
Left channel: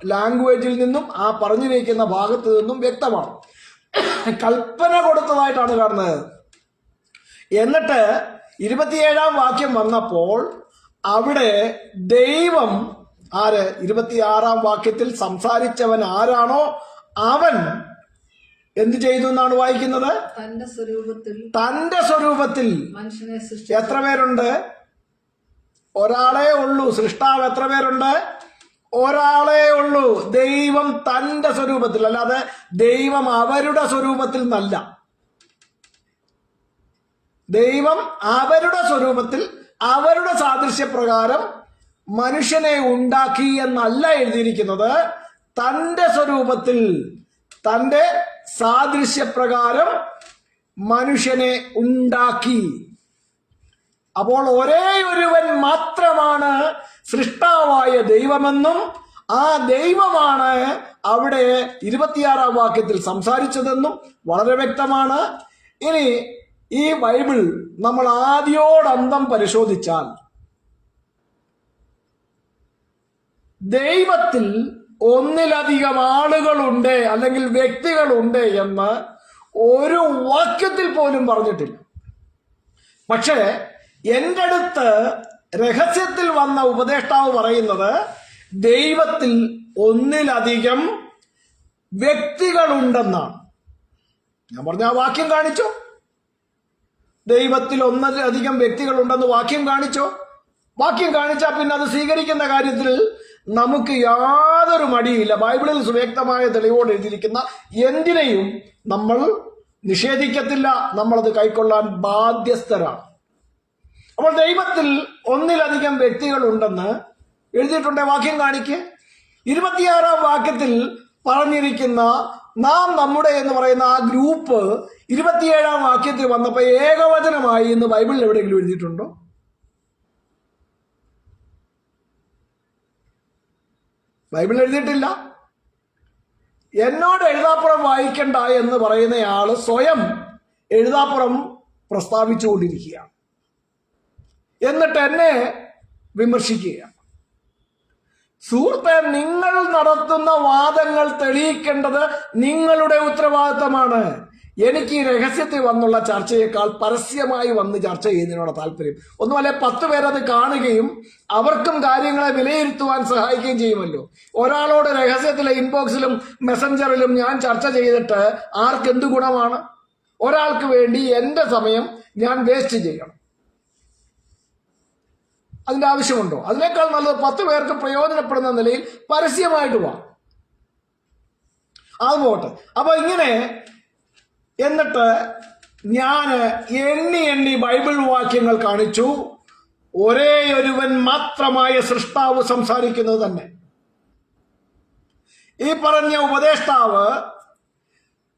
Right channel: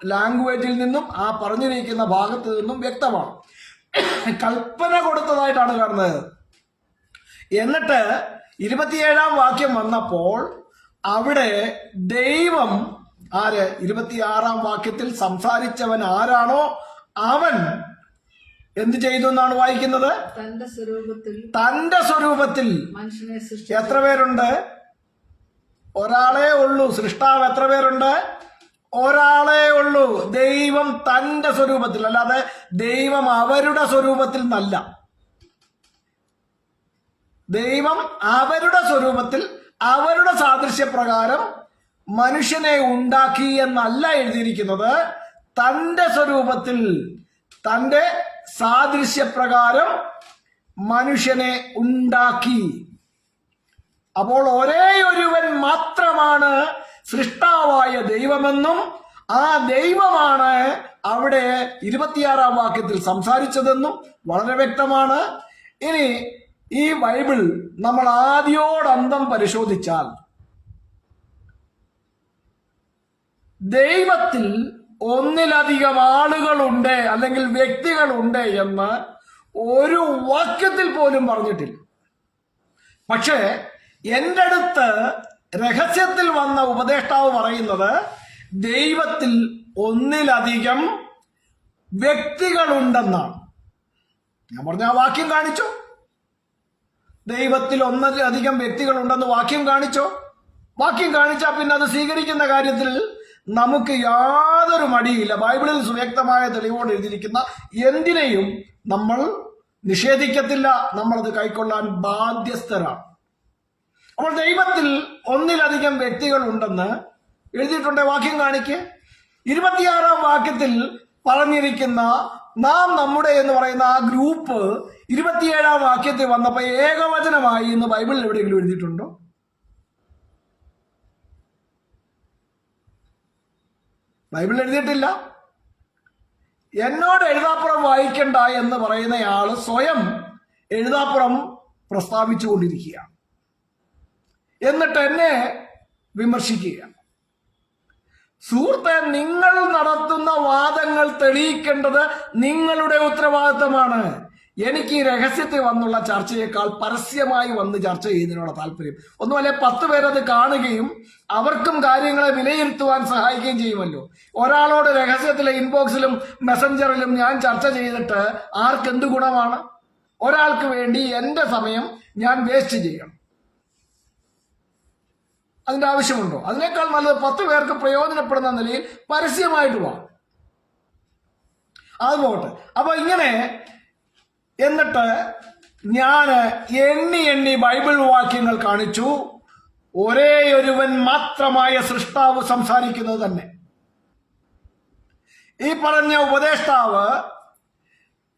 ലാംഗ്വേജിൽ നിന്നും ആ പറഞ്ഞിരിക്കുന്ന ഭാഗത്ത് നിന്നും വ്യക്തമാണ്. കൽപ്പന കൊടുത്തതായിട്ടാണ് കാണുന്നത്. എന്നിട്ട് 27-ാം വാക്യം വന്നപ്പോൾ അവിടെ ദൈവം ആര് 26-ാം വാക്യത്തിൽ സംസാരിച്ചവൻ ആരാണോ അവൻ എന്ത് ചെയ്തു എന്നാണ് വായിക്കുന്നത്? തന്റെ സ്വരൂപത്തിൽ മനുഷ്യനെ എത്ര പേരുണ്ട്? ഒരാളേ ഉള്ളൂ. സൃഷ്ടാവ് എത്ര പേരുണ്ട്? ഒരാളേ ഉള്ളൂ. ദൈവം തന്റെ സ്വരൂപത്തിൽ, അല്ലാതെ ദൈവം അവരുടെ സ്വരൂപത്തിൽ എന്നല്ല. ദൈവം അവരുടെ സ്വരൂപത്തിൽ അവരുടെ സാദൃശ്യപ്രകാരം മനുഷ്യനെ ഉണ്ടാക്കി എന്നല്ല എഴുതിയിരിക്കുന്നത്. തന്റെ സ്വരൂപത്തിൽ തന്റെ സാദൃശ്യപ്രകാരം മനുഷ്യനെ ഉണ്ടാക്കി. അപ്പോൾ ഒരേ ഒരുവൻ മാത്രമാണ് സൃഷ്ടാവായ ദൈവമെന്നും ആ ദൈവമാണ് അവിടെ 26-ാം വാക്യത്തിൽ സംസാരിച്ചതെന്നും വളരെ വ്യക്തമാണ്. ഇനി ഈ ബൈബിൾ നമ്മൾ ആദ്യോടന്തം പരിശോധിച്ചാൽ ദൈവത്തിൽ ഒന്നിലധികം ആളുകളുണ്ട് അല്ലെങ്കിൽ വ്യക്തികളുണ്ട് എന്ന് ഒരു വാക്യത്തിൽ പോലും പറഞ്ഞിട്ടില്ല. പക്ഷേ എൻ്റെ അടുത്ത് രഹസ്യത്തിൽ വന്ന ഉപദേഷ്ടാവ് പറയുന്നത് ദൈവത്തിൽ ഒന്നിലധികം വ്യക്തികളുണ്ടെന്നാണ്. ഞാൻ പറഞ്ഞ ആ വാക്യം കാണിച്ചോ? ദൈവത്തിൽ ഒന്നിലധികം വ്യക്തികളുണ്ടെന്ന് വാക്യം കാണിച്ചോ? വാക്യം കാണിച്ചാൽ പിന്നെ അത് സ്വീകരിക്കുന്ന കാര്യത്തിൽ നമുക്ക് യാതൊരു മടിയില്ല. ബൈബിളിൽ സുവ്യക്തമായ തെളിവോട് എഴുതിയിരിക്കുന്ന എന്തിനേയും നമ്മൾ നിഷേധിക്കത്തില്ല. നമ്മളത് കൈക്കൊള്ളാൻ ബാധ്യസ്ഥരാണ്. അപ്പോൾ ദൈവത്തിൽ ഒന്നിലധികം വ്യക്തികൾ ഉണ്ടെന്ന് എഴുതിയിട്ടുണ്ട്. വാക്യം കാണിക്ക്. 26-ാം വാക്യത്തിൽ പറഞ്ഞിരിക്കുന്ന നാം നമ്മുടെ എന്ന് പറയുന്ന ആ ഗ്രൂപ്പ് 27-ാം വാക്യത്തിൽ വന്നപ്പോൾ ഏകവചനമായി എന്ന് ബൈബിളിൽ എവിടെയെങ്കിലും എഴുതിയിട്ടുണ്ടോ? ബൈബിൾ എഴുതിയിട്ടില്ല. എന്നോട് എഴുതാപ്പുറം വായിക്കണ്ട എന്ന് പറയുന്നയാള് സ്വയം എഴുതാപ്പുറം പ്രസ്താവിച്ചുകൊണ്ടിരിക്കുകയാണ്. എന്നിട്ട് എന്നെ വിമർശിക്കുകയാണ്. സുഹൃത്തെ, നിങ്ങൾ നടത്തുന്ന വാദങ്ങൾ തെളിയിക്കേണ്ടത് നിങ്ങളുടെ ഉത്തരവാദിത്തമാണ്. എനിക്ക് ഈ രഹസ്യത്തിൽ വന്നുള്ള ചർച്ചയേക്കാൾ പരസ്യമായി വന്ന് ചർച്ച ചെയ്യുന്നതിനോട് താല്പര്യം. ഒന്നുമല്ലേ 10 പേരത് കാണുകയും അവർക്കും കാര്യങ്ങളെ വിലയിരുത്തുവാൻ സഹായിക്കുകയും ചെയ്യുമല്ലോ. ഒരാളോട് രഹസ്യത്തിലെ ഇൻബോക്സിലും മെസ്സഞ്ചറിലും ഞാൻ ചർച്ച ചെയ്തിട്ട് ആർക്കെന്ത് ഗുണമാണ്? ഒരാൾക്ക് വേണ്ടി എൻ്റെ സമയം ഞാൻ വേസ്റ്റ് ചെയ്യണം. അതിന്റെ ആവശ്യമുണ്ടോ? അതിനേക്കാൾ നല്ലത് 10 പേർക്ക് പ്രയോജനപ്പെടുന്ന നിലയിൽ പരസ്യമായിട്ട് പോവാം. അത് പോട്ടെ. അപ്പൊ ഇങ്ങനെ എന്നിട്ട് ഞാൻ എണ്ണി ബൈബിൾ വാക്യങ്ങൾ കാണിച്ചു. ഒരേ ഒരുവൻ മാത്രമായ സൃഷ്ടാവ് സംസാരിക്കുന്നത് തന്നെ. ഈ പറഞ്ഞ ഉപദേഷ്ടാവ്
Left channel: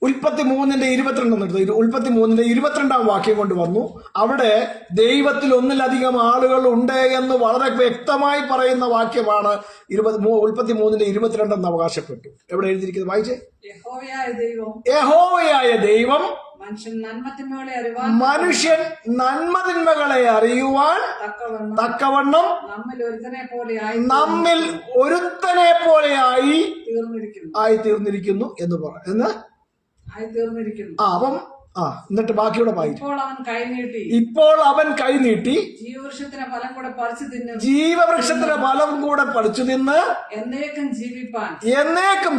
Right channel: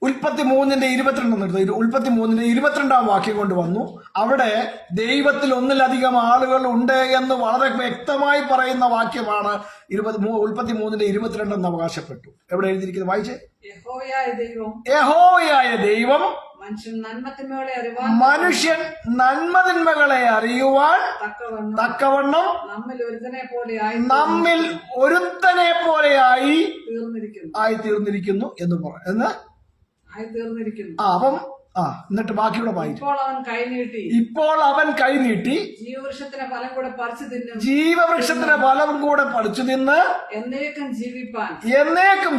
ഉൽപ്പത്തി 3:22 22-ാം വാക്യം കൊണ്ടുവന്നു. അവിടെ ദൈവത്തിൽ ഒന്നിലധികം ആളുകൾ ഉണ്ട് എന്ന് വളരെ വ്യക്തമായി പറയുന്ന വാക്യമാണ് ഉൽപ്പത്തി 3:22 എന്ന് അവകാശപ്പെട്ടു. എവിടെ എഴുതിയിരിക്കുന്നത്? വായിച്ചേ. യഹോവയായ ദൈവം മനുഷ്യൻ നന്മതിന്മകളെ അറിയുവാൻ തക്കവണ്ണം നമ്മിൽ ഒരുത്തനെ പോലെയായി തീർന്നിരിക്കുന്നു എന്ന് അപ്പം എന്നിട്ട് ബാക്കിയുടെ വായിച്ചു. ഇപ്പോൾ അവൻ കൈനീട്ടി ജീവവൃക്ഷത്തിന്റെ ഫലം കൂടെ പറിച്ചു തിന്ന് എന്നേക്കും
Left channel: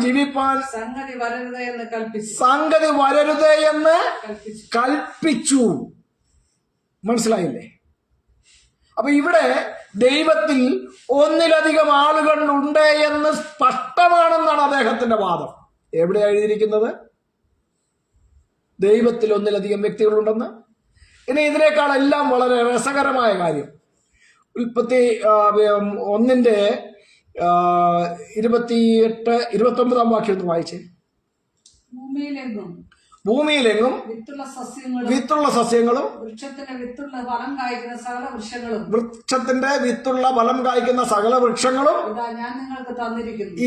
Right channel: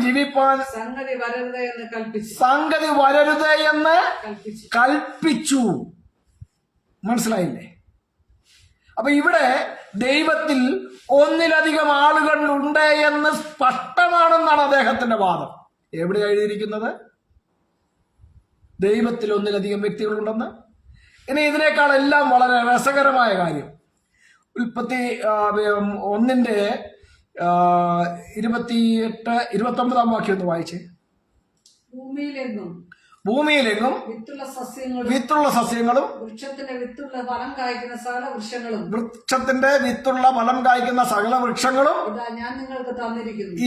ജീവിപ്പാൻ സംഗതി വരരുതേ എന്ന് കൽപ്പിച്ചു. മനസ്സിലായില്ലേ? അപ്പൊ ഇവിടെ ദൈവത്തിൽ ഒന്നിലധികം ആളുകൾ ഉണ്ട് എന്ന് സ്പഷ്ടമാണെന്നാണ് അദ്ദേഹത്തിന്റെ വാദം. എവിടെ എഴുതിയിരിക്കുന്നത്? ദൈവത്തിൽ ഒന്നിലധികം വ്യക്തികളുണ്ടെന്ന്. ഇനി ഇതിനേക്കാളെല്ലാം വളരെ രസകരമായ കാര്യം ഉൽപ്പത്തി 1:28-29 വാക്യം ഒന്ന് വായിച്ചേ. ഭൂമിയിലെങ്ങും വിത്തുള്ള സസ്യങ്ങളും വൃക്ഷത്തിന്റെ വിത്തുള്ള ഫലം കായ്ക്കുന്ന സകല വൃക്ഷങ്ങളും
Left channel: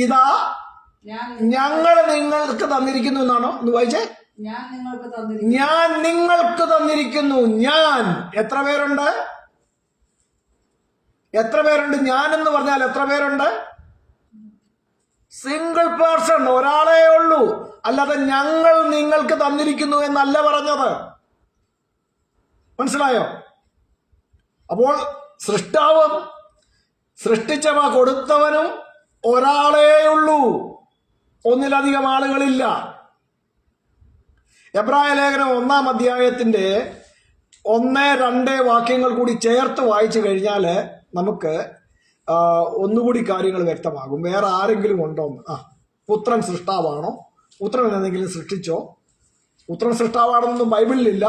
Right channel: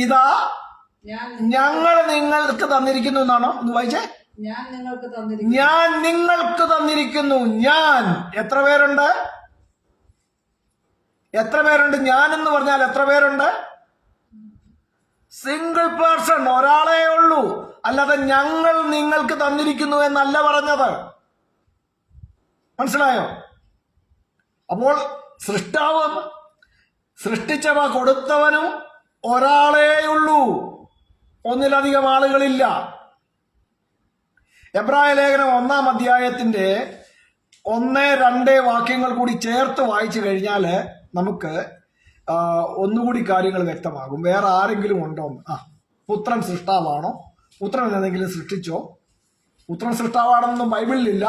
ഇതാ ഞങ്ങൾ നിങ്ങൾക്ക് തന്നിരിക്കുന്നു എന്നാണോ? ഒന്ന് വായിച്ചേ. ഞാൻ നിങ്ങൾക്ക് തന്നിരിക്കുന്നു. ഞാൻ നിങ്ങൾക്ക് തന്നിരിക്കുന്നു. ഞാൻ എത്ര പേരുണ്ട്? എത്ര പേരുണ്ട്? ഞാൻ എന്ന് പറഞ്ഞാൽ എത്ര പേരുണ്ട്? സിംഗിൾ പേഴ്സൺ, ഒരാളേ ഉള്ളൂ. അല്ലാതെ ഞങ്ങൾ നിങ്ങൾക്ക് തന്നിരിക്കുന്നു എന്നല്ല പറഞ്ഞത്. മനസ്സിലായോ? അപ്പോൾ സൃഷ്ടാവും സൃഷ്ടിച്ചവ കൊടുത്തവനും ഒരാളേ ഉള്ളൂ, ഒന്നിലധികം ആളുകളില്ല. എബ്രായ ലേഖനം 1-ാം അധ്യായത്തിന്റെ 1-2 വാക്യങ്ങൾ കൂടി ചേർത്ത് വായിച്ചു കഴിഞ്ഞാൽ നമുക്ക് ഒന്നുകൂടി കാര്യങ്ങൾ വ്യക്തമാകും. വേറെ ആരെങ്കിലും ഉണ്ടോ? പുത്രൻ സൃഷ്ടാവാണോ? പുത്രൻ എന്തെങ്കിലും സൃഷ്ടിച്ചോ? പുത്രൻ സൃഷ്ടാവാണെന്നൊന്നും ബൈബിളിലില്ല.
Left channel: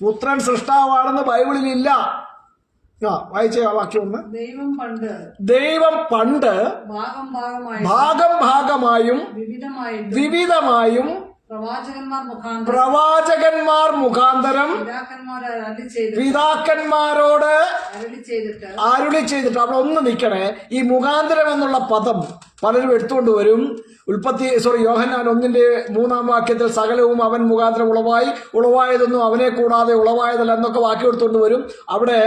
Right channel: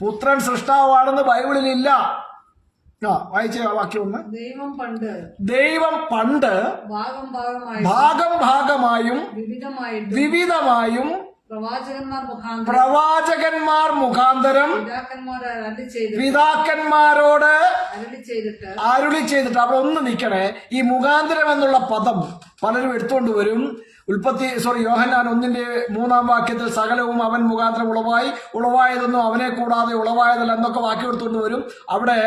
പുത്രൻ സൃഷ്ടാവാണെന്ന് ബൈബിളിലില്ല. വായിച്ച വാക്യം ഒന്ന്. ദൈവം പണ്ട് ഭാഗം ഭാഗമായും വിവിധമായും പ്രവാചകന്മാർ മുഖാന്തരം പിതാക്കന്മാരോട് അരുളി ചെയ്തിട്ട്. അവിടെ ഒന്ന് നിൽക്കണേ. ഈ മുഖാന്തരം എന്നുള്ള പദം പലരും എടുത്തുകൊണ്ട് വരും. യോഹന്നാൻ 1-3 വാക്യത്തിൽ സകലവും അവൻ മുഖാന്തരം ഉളവായതൊന്നും അവനെ കൂടാതെ ഉളവായതല്ല എന്നൊക്കെ വാക്യം എടുത്തുകൊണ്ട് വരും. അവിടെ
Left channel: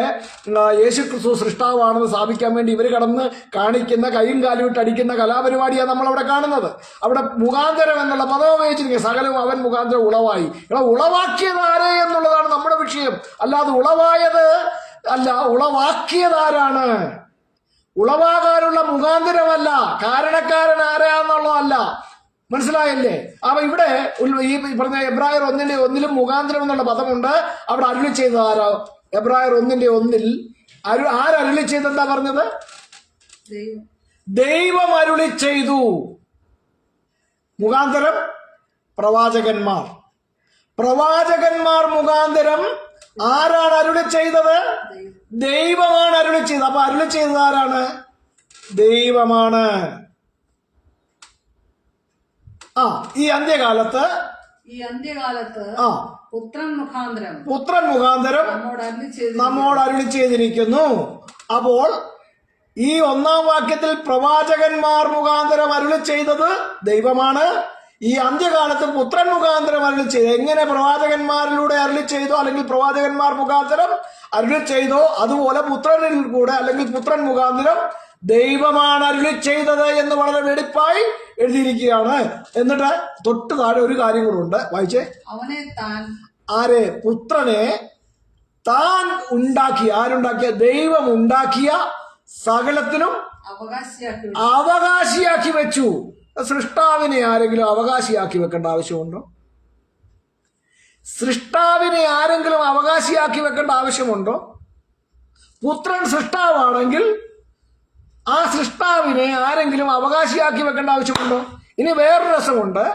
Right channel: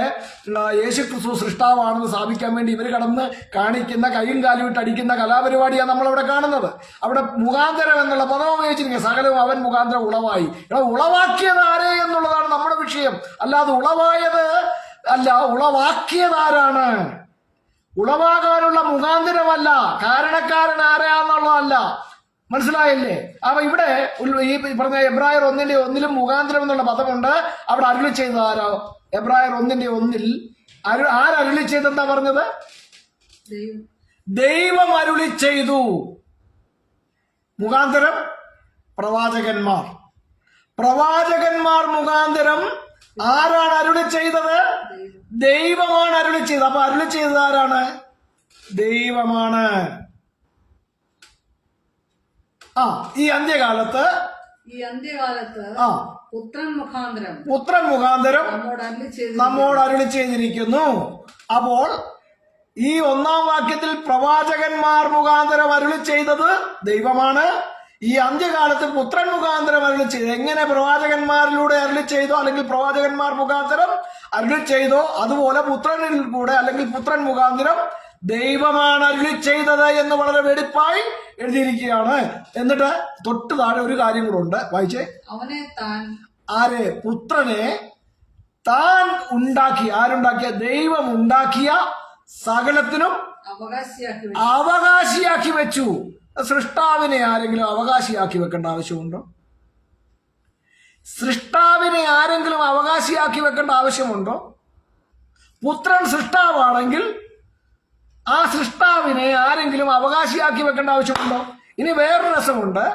യേശുക്രിസ്തു സൃഷ്ടാവാണെന്ന് സ്ഥാപിക്കാൻ വേണ്ടി ഇവർ കടന്ന് കാണിക്കുന്ന കൈയും കാലും ഇട്ട് അടിക്കുന്ന കലാപരിപാടിയാണ് നമ്മളവിടെ കാണുന്നത്. അവിടെ മുഖാന്തരം എന്നുള്ള പദം ഉപയോഗിച്ചിരിക്കുക. സകലവും അവൻ മുഖാന്തരം ഉളവായി. ഉളവാക്കിയത് ആരേ എന്നുള്ളതാണ് നമ്മുടെ വിഷയം. അല്ലാതെ ഉളവായത് അല്ല, ഉളവാക്കിയതാരാണ്? ഉളവാകാനുള്ള മുഖാന്തരമല്ല, കാരണക്കാരൻ ആരാന്നുള്ളതല്ല. മനസ്സിലായില്ലേ? അപ്പൊ ഇവിടെ ഈ പറഞ്ഞ എബ്രായർ 1-1 മുഖാന്തരം എന്നുള്ള പദമുണ്ട്. അവിടെ അരുളി ചെയ്തത് ആരോ? എബ്രായർ 1-1 ആരരുളി ചെയ്തെന്താ പറഞ്ഞത്? ദൈവം അരുളി ചെയ്തു. മുഖാന്തരം പ്രവാചകന്മാർ മുഖാന്തരം ആരാണ് അരുളി ചെയ്തത്? ദൈവമാണ് അരുളി ചെയ്തത്. അപ്പൊ അരുളി ചെയ്തത് ആരാണ്? ദൈവമാണ്. ഈ അന്ത്യകാലത്ത് പുത്രൻ മുഖാന്തരം നമ്മോട് അരുളി ചെയ്തിരിക്കുന്നു. അപ്പോൾ ഈ 1-ാം വാക്യത്തിൽ പ്രവാചകന്മാർ മുഖാന്തരം അരുളി ചെയ്തത് ദൈവമാണ്. ഈ അന്ത്യകാലത്ത് പുത്രൻ മുഖാന്തരം അരുളി ചെയ്തു. എങ്ങനെ പ്രവാചകന്മാരിലൂടെ അരുളി ചെയ്തോ അല്ലെങ്കിൽ പ്രവാചകന്മാർ മുഖാന്തരം അരുളി ചെയ്തോ അതുപോലെ പുത്രനിൽ കൂടെ അല്ലെങ്കിൽ പുത്രൻ മുഖാന്തരം ദൈവമാണ് അരുളി ചെയ്തത് എന്ന് വളരെ വെടിപ്പായി എഴുതിയിരിക്കുകയാണ്. എന്നിട്ട് തൊട്ട് താഴെ ഒരു കാര്യം കൂടെ ഉണ്ട്, വായിച്ചേ. പുത്രനെ താൻ ഉണ്ടാക്കിയ, ആരുണ്ടാക്കിയ? ദൈവം ഉണ്ടാക്കിയ സകലത്തിനും അവകാശിയാക്കി വെച്ചു. സൃഷ്ടാവിനെ ആരെങ്കിലും അവകാശിയാക്കി വെക്കേണ്ട ആവശ്യമുണ്ടോ? സൃഷ്ടാവിനെ ആരെങ്കിലും അവകാശിയാക്കി വെക്കേണ്ട ആവശ്യമുണ്ടോ? പുത്രൻ സൃഷ്ടാവാണെങ്കിൽ ആ സൃഷ്ടാവിനെ ആരെങ്കിലും അവകാശിയാക്കി വെക്കേണ്ട ആവശ്യമുണ്ടോ? ഇനി വേറൊരു രസമുണ്ട്.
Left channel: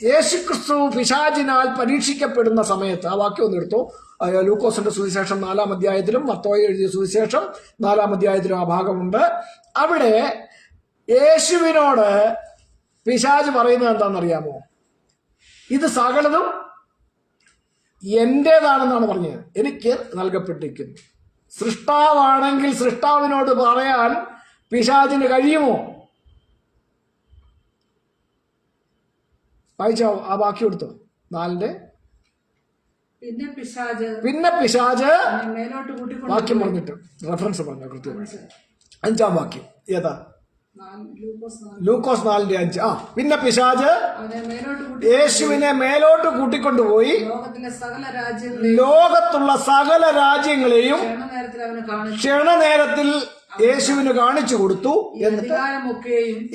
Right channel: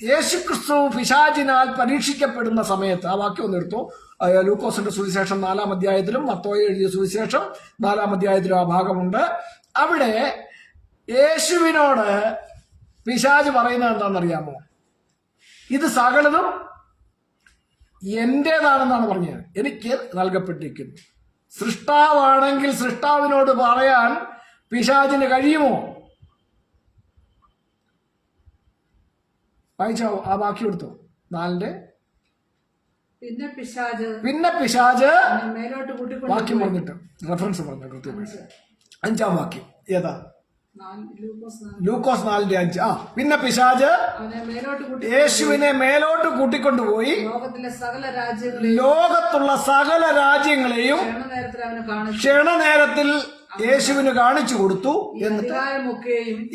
യേശുക്രിസ്തു പിശാചിനാൽ പരീക്ഷിക്കപ്പെടുന്ന സമയത്ത്, ആ വാക്യം ഒന്ന് എടുത്തു. ലൂക്കോസിന്റെ സുവിശേഷം 4-ാം അധ്യായത്തിലും മത്തോയി എഴുതിയ സുവിശേഷം 4-ാം അധ്യായത്തിലും ആ ഭാഗമുണ്ട്. അവിടെ യേശുവിനോട് പിശാച് പറയുന്നത് എന്താണെന്നറിയാമോ? ഇത് സകലതും എന്റേതാണെന്നാണ് പറഞ്ഞത്, എനിക്ക് നൽകപ്പെട്ടിരിക്കുന്നു. സൃഷ്ടാവാണെങ്കിൽ സൃഷ്ടാവിനോട് പറയാൻ പിശാചിന് കഴിയുമോ? വായിച്ചോ, ആ വാക്യം എടുത്തോ. 4-ന്റെ പിന്നെ പിശാച് വാക്യം പറഞ്ഞിട്ട് റെഫറൻസ് പറഞ്ഞു കൃത്യമായിട്ട്. 5-ാം വാക്യം ഏതാ? ലൂക്കോസ് 4-5. പിന്നെ പിശാച് യേശുവിനെ മേലോട്ട് കൂട്ടിക്കൊണ്ടുപോയി ലോകത്തുള്ള സകല രാജ്യങ്ങളെയും ക്ഷണനേരത്തിൽ യേശുവിന് കാണിച്ചു കൊടുത്തു. എന്നിട്ട്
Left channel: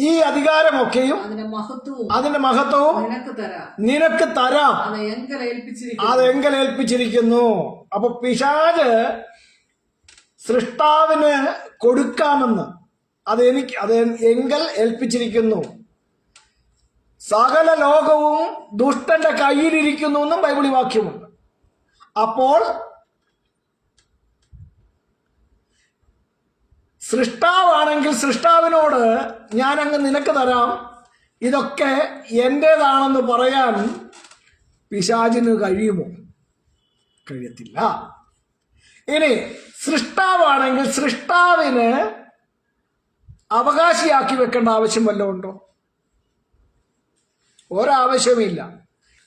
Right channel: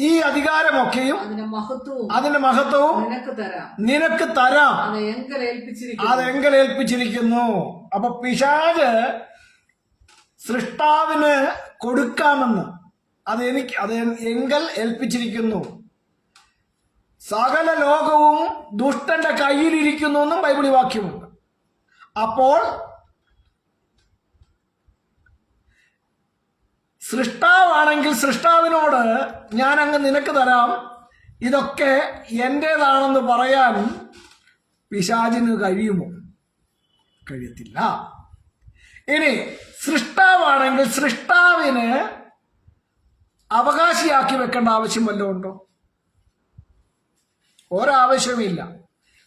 ഈ അധികാരമൊക്കെയും അതിന്റെ മഹത്വവും നിനക്ക് തരാം, അത് എങ്കലേൽപ്പിച്ചിരിക്കുന്നു. അപ്പൊ പിശാച് സൃഷ്ടാവിന് കൊടുക്കാമെന്ന് അത് എങ്കൽ ഏൽപ്പിച്ചിരിക്കുന്നു. സകല ലോകവും ദുഷ്ടന്റെ കയ്യിലിരിക്കുന്നു എന്നും ബൈബിളി വാക്യമുണ്ട്. അപ്പോൾ സൃഷ്ടാവാണെങ്കിൽ സൃഷ്ടാവിനോട് ഞാൻ അങ്ങ് നിനക്ക് തരാം, ഇതൊക്കെ എന്റേതാണെന്ന് പറയാൻ പിശാചിന് കഴിയുമോ? കഴിയത്തില്ല. ഇനി സൃഷ്ടാവാണെങ്കിൽ സൃഷ്ടാവിന് അവകാശിയാക്കി വെക്കേണ്ട ആവശ്യം വല്ലതും ഉണ്ടോ? ഒരാവശ്യമില്ല.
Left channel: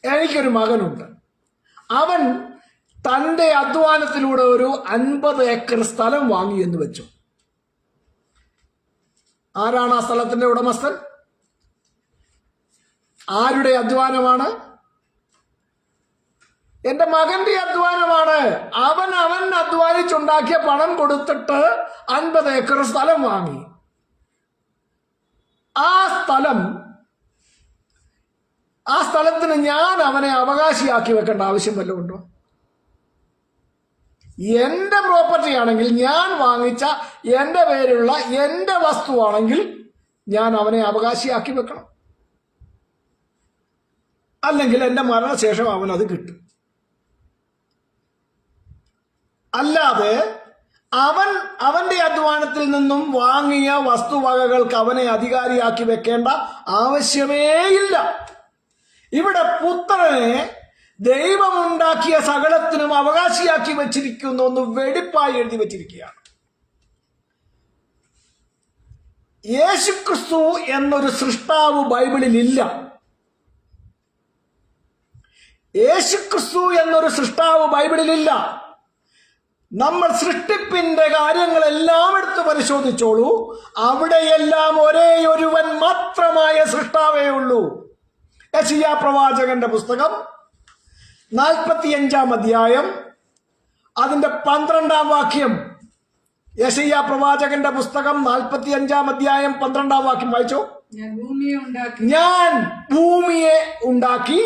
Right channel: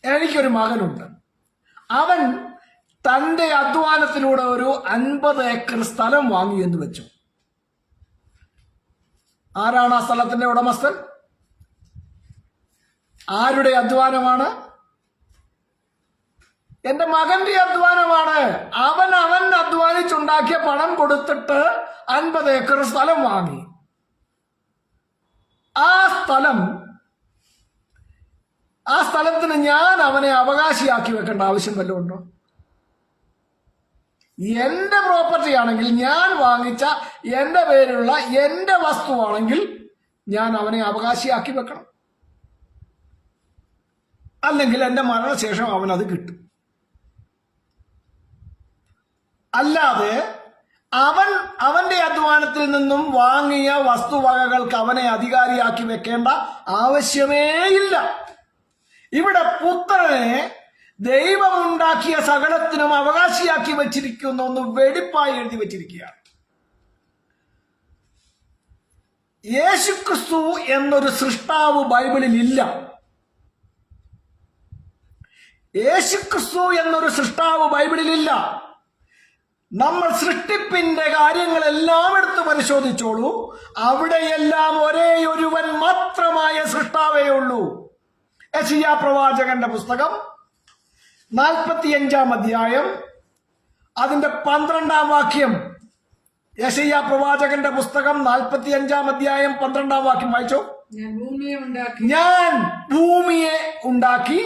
എനിക്കൊരു മകനുണ്ട്. അവൻ തന്റെ അധ്വാനത്തിലൂടെ ഒരു 50 ഏക്കർ സ്ഥലം വാങ്ങി എന്ന് വെച്ചു. ആരാണ് ആ സ്ഥലത്തിന്റെ ഉടമസ്ഥൻ? ആരുടെ അധ്വാനമാണ്? എന്റെ മകന്റെ അധ്വാനമാണ്. അവൻ അധ്വാനിച്ചുണ്ടാക്കിയ പണം കൊടുത്തിട്ട് 50 ഏക്കർ സ്ഥലം വാങ്ങി. ആ സ്ഥലത്തിന് ഞാൻ അവനെ അവകാശിയാക്കി വെക്കേണ്ട ആവശ്യം വല്ലതും ഉണ്ടോ? എന്റെ പ്രോപ്പർട്ടി ആണെങ്കിൽ, ഞാൻ വാങ്ങിച്ച എന്റെ പേരിലുള്ള എന്റെ വസ്തുവാണെങ്കിൽ ഞാൻ അവനെ അവകാശിയാക്കി വെക്കണം. അല്ലെങ്കിൽ എന്റെ മരണശേഷം അവനത് കിട്ടും. അല്ലാതെ അവന്റെ അധ്വാനത്തിൽ നിന്നും വാങ്ങിയ വസ്തുവകകൾക്ക് അവനെ അധികാരിയാക്കി വെക്കേണ്ട ആവശ്യമേയില്ല. ഇവിടെ പുത്രനെ ദൈവമുണ്ടാക്കിയ സകലത്തിനും അവകാശിയാക്കി വെച്ചിരിക്കുന്നു എന്ന് വെടിപ്പായി എഴുതി വെച്ചിരിക്കുകയാണ്. യേശുക്രിസ്തു എന്നൊരു സൃഷ്ടാവ് ബൈബിളിൽ ഇല്ല. യേശുക്രിസ്തു എന്നൊരു സൃഷ്ടാവ് ബൈബിളിലില്ല. നമ്മൾ സൃഷ്ടിപ്പിന്റെ കാര്യങ്ങളെല്ലാം എടുത്ത് പരിശോധിച്ചോളൂ. അവിടെയെല്ലാം ഒരേ ഒരുവൻ മാത്രമായ സൃഷ്ടാവേ ഉള്ളൂ. യെശയ്യാ പ്രവാചകന്റെ പുസ്തകം 45 അധ്യായം അതിന്റെ 12 വാക്യം. യെശയ്യാ പ്രവാചകന്റെ പുസ്തകം 45 അധ്യായം 12 വാക്യം വായിച്ചോ. ഞാൻ ഭൂമിയെ ഉണ്ടാക്കി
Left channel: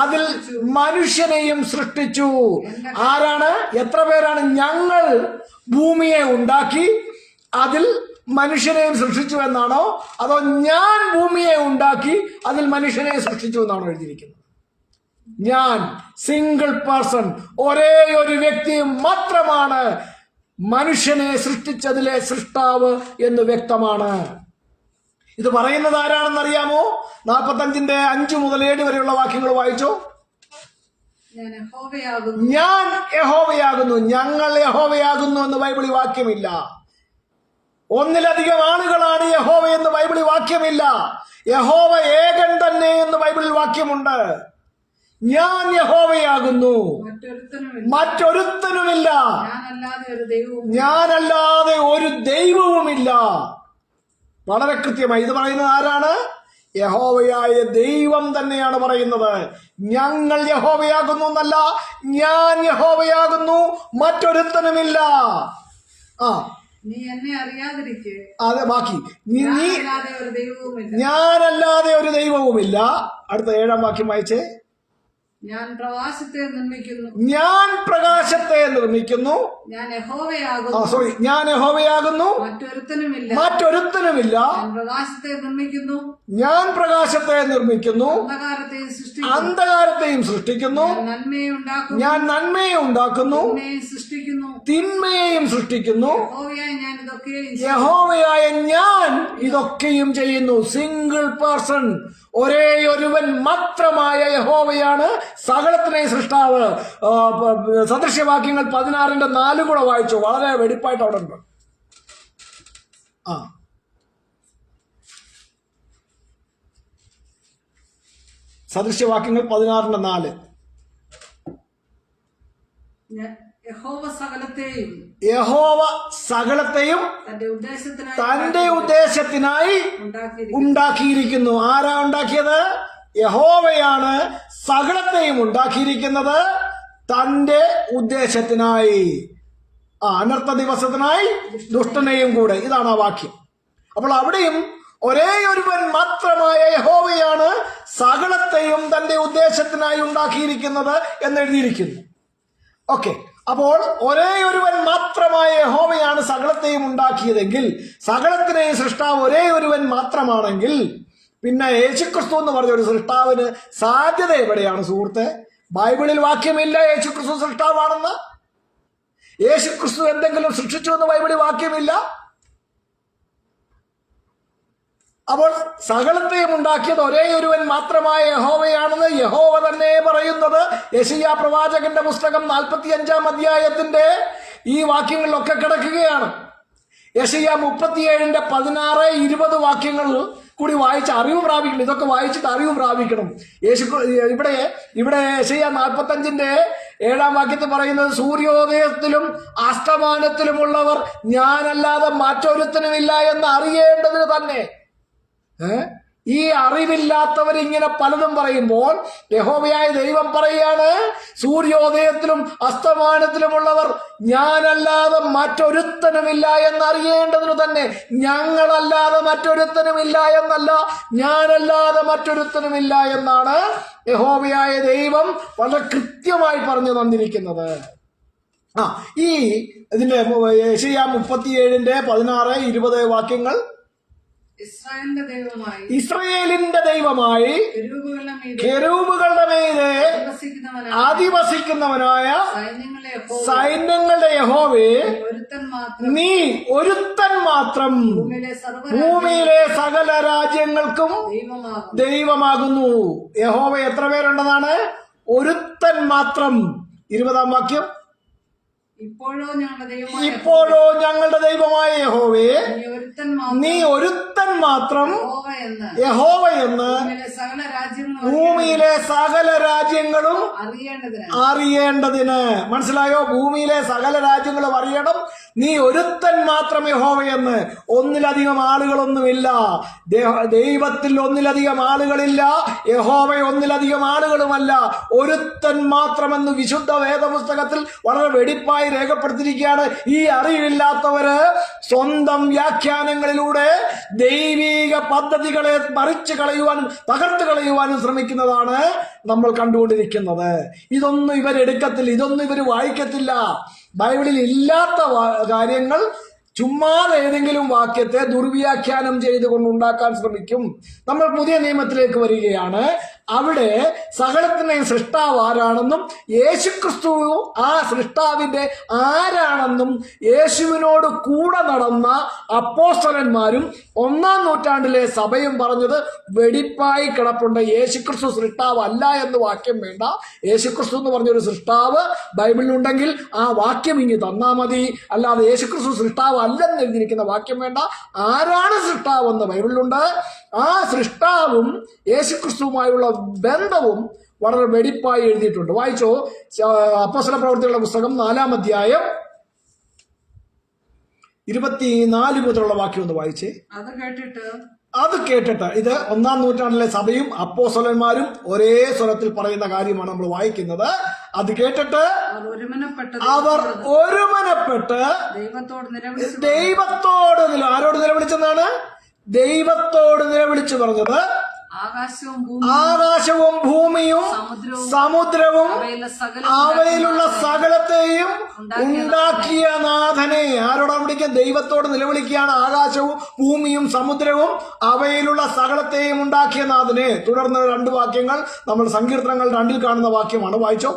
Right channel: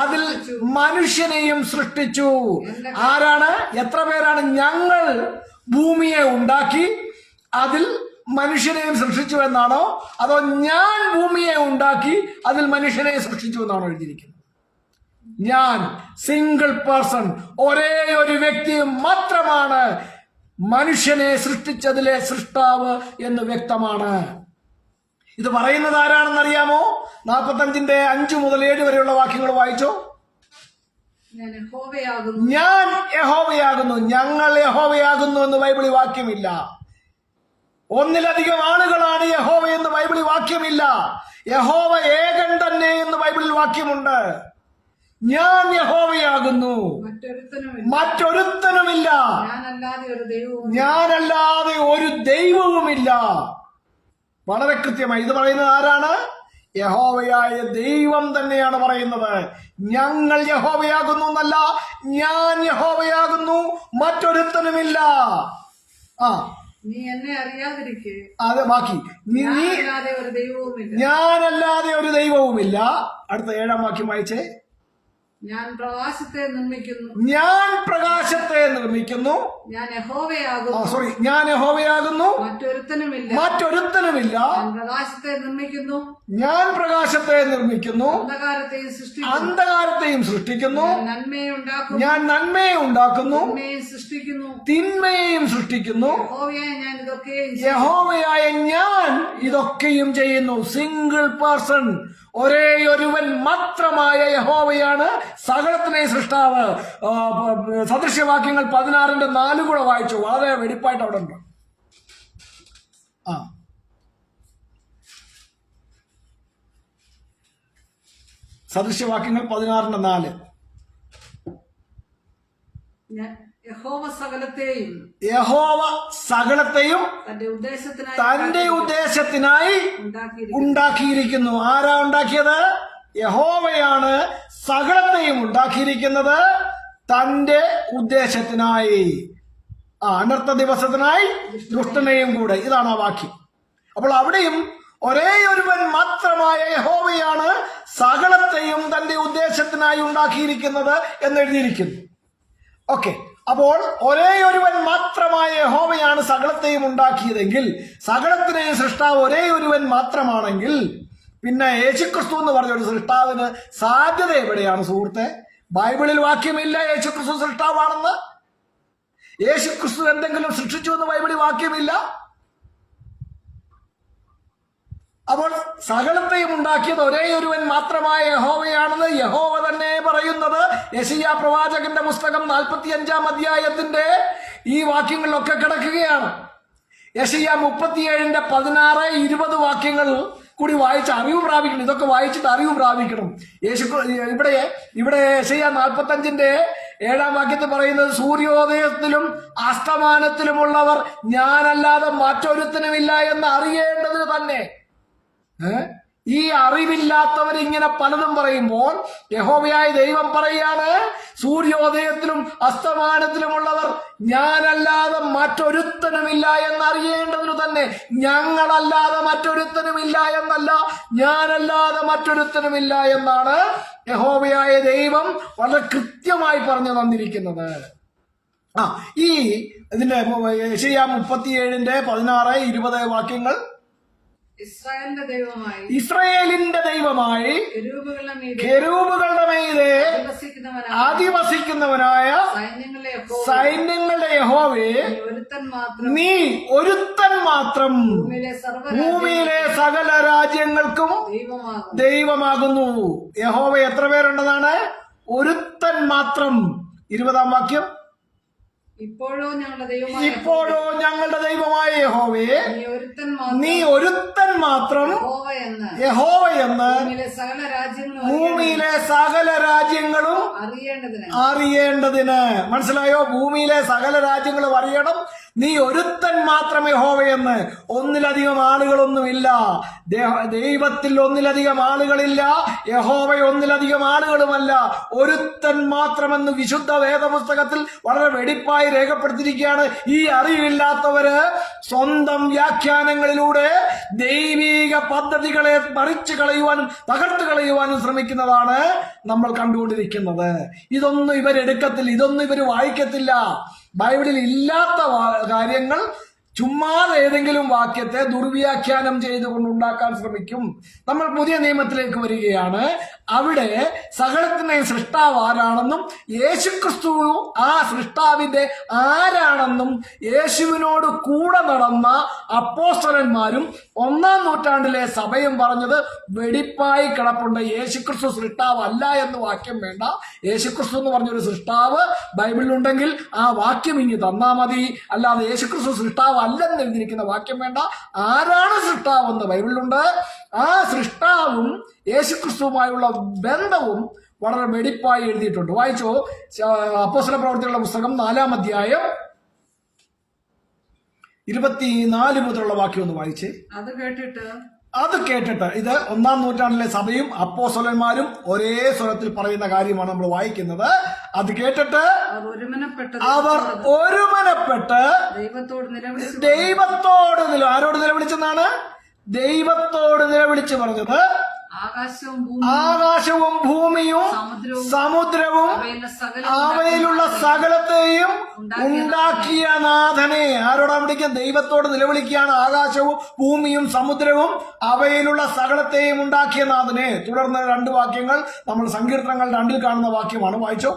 അതിൽ മനുഷ്യനെയും സൃഷ്ടിച്ചു. ആരാണ്? എത്ര പേരാണ് ഞങ്ങൾ ഭൂമിയെ ഉണ്ടാക്കി അതിൽ മനുഷ്യനെയും സൃഷ്ടിച്ചു എന്നാണോ, അതോ ഞാൻ ഭൂമിയെ ഉണ്ടാക്കി അതിൽ മനുഷ്യനെ സൃഷ്ടിച്ചു എന്നാണോ എഴുതിയിരിക്കുന്നത്? ഞാൻ സിംഗിൾ പേഴ്സൺ, ഒരേ ഒരു വ്യക്തി മാത്രമാണ് മനുഷ്യനെ സൃഷ്ടിച്ചതിലെ സൃഷ്ടാവ് എന്ന് വ്യക്തമാണ്. ഇത് പറയുന്നത് ആരാണെന്നറിയാമോ? 45-ന്റെ 5 മുതൽ 7 വരെയുള്ള വാക്യങ്ങൾ വായിച്ചോ. ഞാൻ യഹോവയാകുന്നു, ഞങ്ങൾ യഹോവയാകുന്നു എന്ന് ബൈബിളിൽ വാക്യമില്ല. ഒന്നിലധികം ആളുകളാണ് യഹോവ എന്ന് ബൈബിളിൽ വാക്യമില്ല. യഹോവ ഏകൻ തന്നെ എന്ന് ബൈബിളിൽ വാക്യമുണ്ട്. ഞാൻ യഹോവയാകുന്നു, മറ്റൊരുത്തനുമില്ല, ഞാനല്ലാതെ ഒരു ദൈവവുമില്ല. വളരെ കൃത്യമായി ഇത് പറയുന്നത് ആരാണ്? യഹോവയായ ദൈവം തന്നെയാണ് പറയുന്നത്. ഞങ്ങൾ യഹോവയാകുന്നു എന്നല്ല, ഞാൻ യഹോവയാകുന്നു, മറ്റൊരുത്തനുമില്ല. നീ എന്നെ അറിയാതിരിക്കെ. അതെ, ബാക്കി ഞാനല്ലാതെ ഒരു ദൈവവുമില്ല. അടുത്ത 7 വാക്യം വായിച്ചേ. ഞാൻ പ്രകാശത്തെ നിർമ്മിക്കുന്നു, ഞാൻ പ്രകാശത്തെ നിർമ്മിക്കുന്നു, ഞാൻ യഹോവയാകുന്നു, ഞാൻ യഹോവയാകുന്നു, മറ്റൊരുത്തനുമില്ല. ഞാൻ പ്രകാശത്തെ നിർമ്മിക്കുന്നു, അന്ധകാരത്തെയും സൃഷ്ടിക്കുന്നു, ഞാൻ നന്മയെ ഉണ്ടാക്കുന്നു, തിന്മയെയും സൃഷ്ടിക്കുന്നു. യഹോവയായ ഞാൻ ഇതൊക്കെയും ചെയ്യുന്നു. സിംഗിൾ പേഴ്സൺ, ഒരേ ഒരുവൻ മാത്രമായ യഹോവയാണ് സകലത്തിനെയും സൃഷ്ടാവ്. സദൃശ്യവാക്യങ്ങൾ 16-ന്റെ 4 കൂടെ വായിച്ചു. വളരെ വെടിപ്പായിട്ട് അവിടെ ഉണ്ട്. സദൃശ്യവാക്യങ്ങൾ 16-ന്റെ 4. യഹോവ സകലത്തെയും തന്റെ ഉദ്ദേശത്തിനായി ഉണ്ടാക്കിയിരിക്കുന്നു. ആരാ ഉണ്ടാക്കിയത്? യഹോവയാണ് സകലത്തെയും ഉണ്ടാക്കിയിരിക്കുന്നത് തന്റെ ഉദ്ദേശത്തിനായി. അനർത്ഥ ദിവസത്തിനായി ദുഷ്ടനെയും കൂടെ. ഇതാണ് ആ വാക്യം. അപ്പോൾ അവിടെയും ഒരേ ഒരുവൻ മാത്രമായ യഹോവയാണ് സകലത്തെയും തന്റെ ഉദ്ദേശത്തിനായി ഉണ്ടാക്കിയിരിക്കുന്നത് എന്ന് എഴുതിയിരിക്കുന്നു. ഓക്കെ, അപ്പോൾ ഒരേ ഒരുവൻ മാത്രമായ യഹോവയാണ് സകലത്തെയും ഉണ്ടാക്കിയതെങ്കിൽ, സകലത്തിനെയും സൃഷ്ടാവ് ഒരേ ഒരുവൻ മാത്രമാണെങ്കിൽ, പിന്നെ യേശുക്രിസ്തു എന്ന് പറഞ്ഞ ഒരു സൃഷ്ടാവിന് സാധ്യത എവിടെയാണ് സുഹൃത്തെ? ബൈബിളിൽ വാക്യമില്ല യേശുക്രിസ്തു സൃഷ്ടാവാണെന്ന്. യേശുക്രിസ്തു എന്തെങ്കിലും സൃഷ്ടിച്ചു എന്ന് ബൈബിളിൽ വാക്യമില്ല. അപ്പോൾ സകലത്തെയും ഉണ്ടാക്കിയത് ഒരേ ഒരുവൻ മാത്രമായ യഹോവയാണെന്ന് യഹോവ തന്നെ പറയുന്നത് യെശയ്യാ പ്രവാചകന്റെ പുസ്തകം 45 അധ്യായത്തിന്റെ ഈ വാക്യങ്ങളിലൊക്കെ കിടക്കുകയാണ്. യെശയ്യാ 37-ന്റെ 16-20 വാക്യങ്ങൾ കൂടി വായിച്ച് അറിവ് പ്രാപിക്കണം. ഇതൊക്കെ വായിച്ചിട്ട് അറിവ് പ്രാപിക്കണം. ഇവിടെ യെശയ്യാ 45:7 വാക്യത്തിൽ പറയുന്നത്, സൂര്യോദയത്തിലും അസ്തമാനത്തിലുമുള്ളവർ ഞാനല്ലാതെ മറ്റൊരുത്തനുമില്ല എന്ന് അറിയേണ്ടതിന് തന്നെ. ഈ അറിവില്ലാത്തവർ ഇങ്ങനെ പലതും പറയുമ്പോൾ യഹോവയായ ദൈവം പറയാണ്, സൂര്യോദയത്തിലും അസ്തമാനത്തിലുമുള്ളവർ ഞാനല്ലാതെ മറ്റൊരുത്തനുമില്ല എന്നറിയേണ്ടതിനു തന്നെ. ഞങ്ങളല്ലാതെ മറ്റൊരുത്തനുമില്ല എന്നല്ല, ഞാനല്ലാതെ മറ്റൊരുത്തനുമില്ല എന്നാണ് യഹോവയായ ദൈവം വളരെ കൃത്യമായി പറഞ്ഞു തന്നിരിക്കുന്നത്. ഇതിന്റെ യെശയ്യാ 37:16-20 വാക്യങ്ങൾ. ഇസ്രായേലിന്റെ ദൈവമായി കെരൂബുകളുടെ മീതെ അധിവസിക്കുന്നവനായ സൈന്യങ്ങളുടെ യഹോവേ, നീ ഒരുത്തൻ മാത്രം ഭൂമിയിലെ സകല രാജ്യങ്ങൾക്കും ദൈവമാകുന്നു. യഹോവ എത്ര പേരുണ്ടെന്നാണ്? ഒരുത്തൻ മാത്രം. 20 വാക്യം. ഇപ്പോഴോ ഞങ്ങളുടെ ദൈവമായ യഹോവേ, നീ ഒരുത്തൻ മാത്രം യഹോവ എന്ന് ഭൂമിയിലെ സകല രാജ്യങ്ങളും അറിയേണ്ടതിന്. മനസ്സിലായോ? ഭൂമിയിലെ സകല രാജ്യങ്ങളും അറിയണം, നീ ഒരുത്തൻ മാത്രം യഹോവയെന്ന്. ഒന്നിലധികം ആളുകളൊന്നുമില്ല. ദൈവത്തിൽ ഒന്നിലധികം ആളുകളില്ല. യഹോവ ഒന്നിലധികം ആളുകളുമല്ല, ഒരുത്തൻ മാത്രമെന്ന് വിശുദ്ധ വേദപുസ്തകത്തിൽ വളരെ വെടിപ്പായി രേഖപ്പെടുത്തിയിരിക്കുകയാണ്. ഈ അറിവില്ലാത്തവര് സ്വന്തം വ്യാഖ്യാനങ്ങളിലൂടെ ദൈവിക പദ്ധതികളെ മറിച്ചു കളയുവാനും തകർത്ത് കളയുവാനും ശ്രമിക്കുന്നതാണ് നമ്മൾ കണ്ടുകൊണ്ടിരിക്കുന്നത്. ഇതൊന്നും ഇവരെടുക്കത്തില്ല, ഇതൊന്നും ഇവർ വായിക്കത്തില്ല. ബൈബിളിൽ ഇല്ലാത്ത കാര്യങ്ങൾ ചുമ്മാതെ ഏതെങ്കിലും വാക്യത്തെ ദുർവ്യാഖ്യാനം ചെയ്തുകൊണ്ടുണ്ടാക്കാൻ ശ്രമിക്കും. നമ്മൾ പുതിയ നിയമത്തിലേക്ക് വരികയാണ്. അവിടെ സകലത്തിന്റെയും സൃഷ്ടാവ് ആരാണെന്നും യേശുക്രിസ്തു ആ സൃഷ്ടാവിന്റെ ആരാണെന്നും യേശുവിനോട് കൂടെ നടന്ന അപ്പോസ്തലന്മാരും 1-ാം നൂറ്റാണ്ടിലെ സഭയും പറഞ്ഞത് വെടിപ്പായി കിടപ്പുണ്ട്. യേശുക്രിസ്തു സൃഷ്ടാവ് അല്ല എന്ന് വാക്യം വേണ്ട. യേശുക്രിസ്തു എന്ന് പറഞ്ഞൊരു സൃഷ്ടാവ് ബൈബിളിലുണ്ടെങ്കിൽ ആ വാക്യം ഇങ്ങ് തന്നാ മതി. അല്ലാതെ യേശുക്രിസ്തു സൃഷ്ടാവ് അല്ലെന്ന് എഴുതിയിരിക്കുന്ന വാക്യം വേണ്ട. ആരാണ് സൃഷ്ടാവെന്ന് ബൈബിളിലുണ്ട്. ആ സൃഷ്ടാവും യേശുക്രിസ്തുവുമായുള്ള ബന്ധവും വളരെ വെടിപ്പായി എഴുതിയിട്ടുണ്ട്. വായിച്ചോ, അപ്പോസ്തല പ്രവൃത്തികളുടെ പുസ്തകം 4-ാം അധ്യായം 24 മുതലുള്ള വാക്യം ഒന്ന് വായിച്ചേ. അത് കേട്ടിട്ട് ഇത് 1-ാം നൂറ്റാണ്ടിലെ സഭയും അപ്പോസ്തലന്മാരും ഒരേ സ്വരത്തിൽ പറയുന്ന കാര്യമാണ് നമ്മൾ വായിക്കുന്നത്. അത് കേട്ടിട്ട് അവർ ഒരുമനപ്പെട്ട് ദൈവത്തോട് ആരോട് നിലവിളിച്ചെന്നാണ്? ദൈവത്തോട് നിലവിളിച്ചു പറഞ്ഞത്, ആകാശവും ഭൂമിയും സമുദ്രവും അവയിലുള്ള സകലത്തെയും ഉണ്ടാക്കിയ നാഥനെ. ആരോടാണ് വിളിക്കുക? ദൈവത്തോട് നിലവിളിക്കുകയാണ്. ആകാശവും ഭൂമിയും സമുദ്രവും അവയിലുള്ള സകലത്തെയും ഉണ്ടാക്കിയ നാഥനെ. തുടർന്ന് 2 വാക്യങ്ങൾ നമ്മൾ സങ്കീർത്തനങ്ങൾ 2-ൽ കാണുന്ന വാക്യമാണ്. വായിച്ചോ.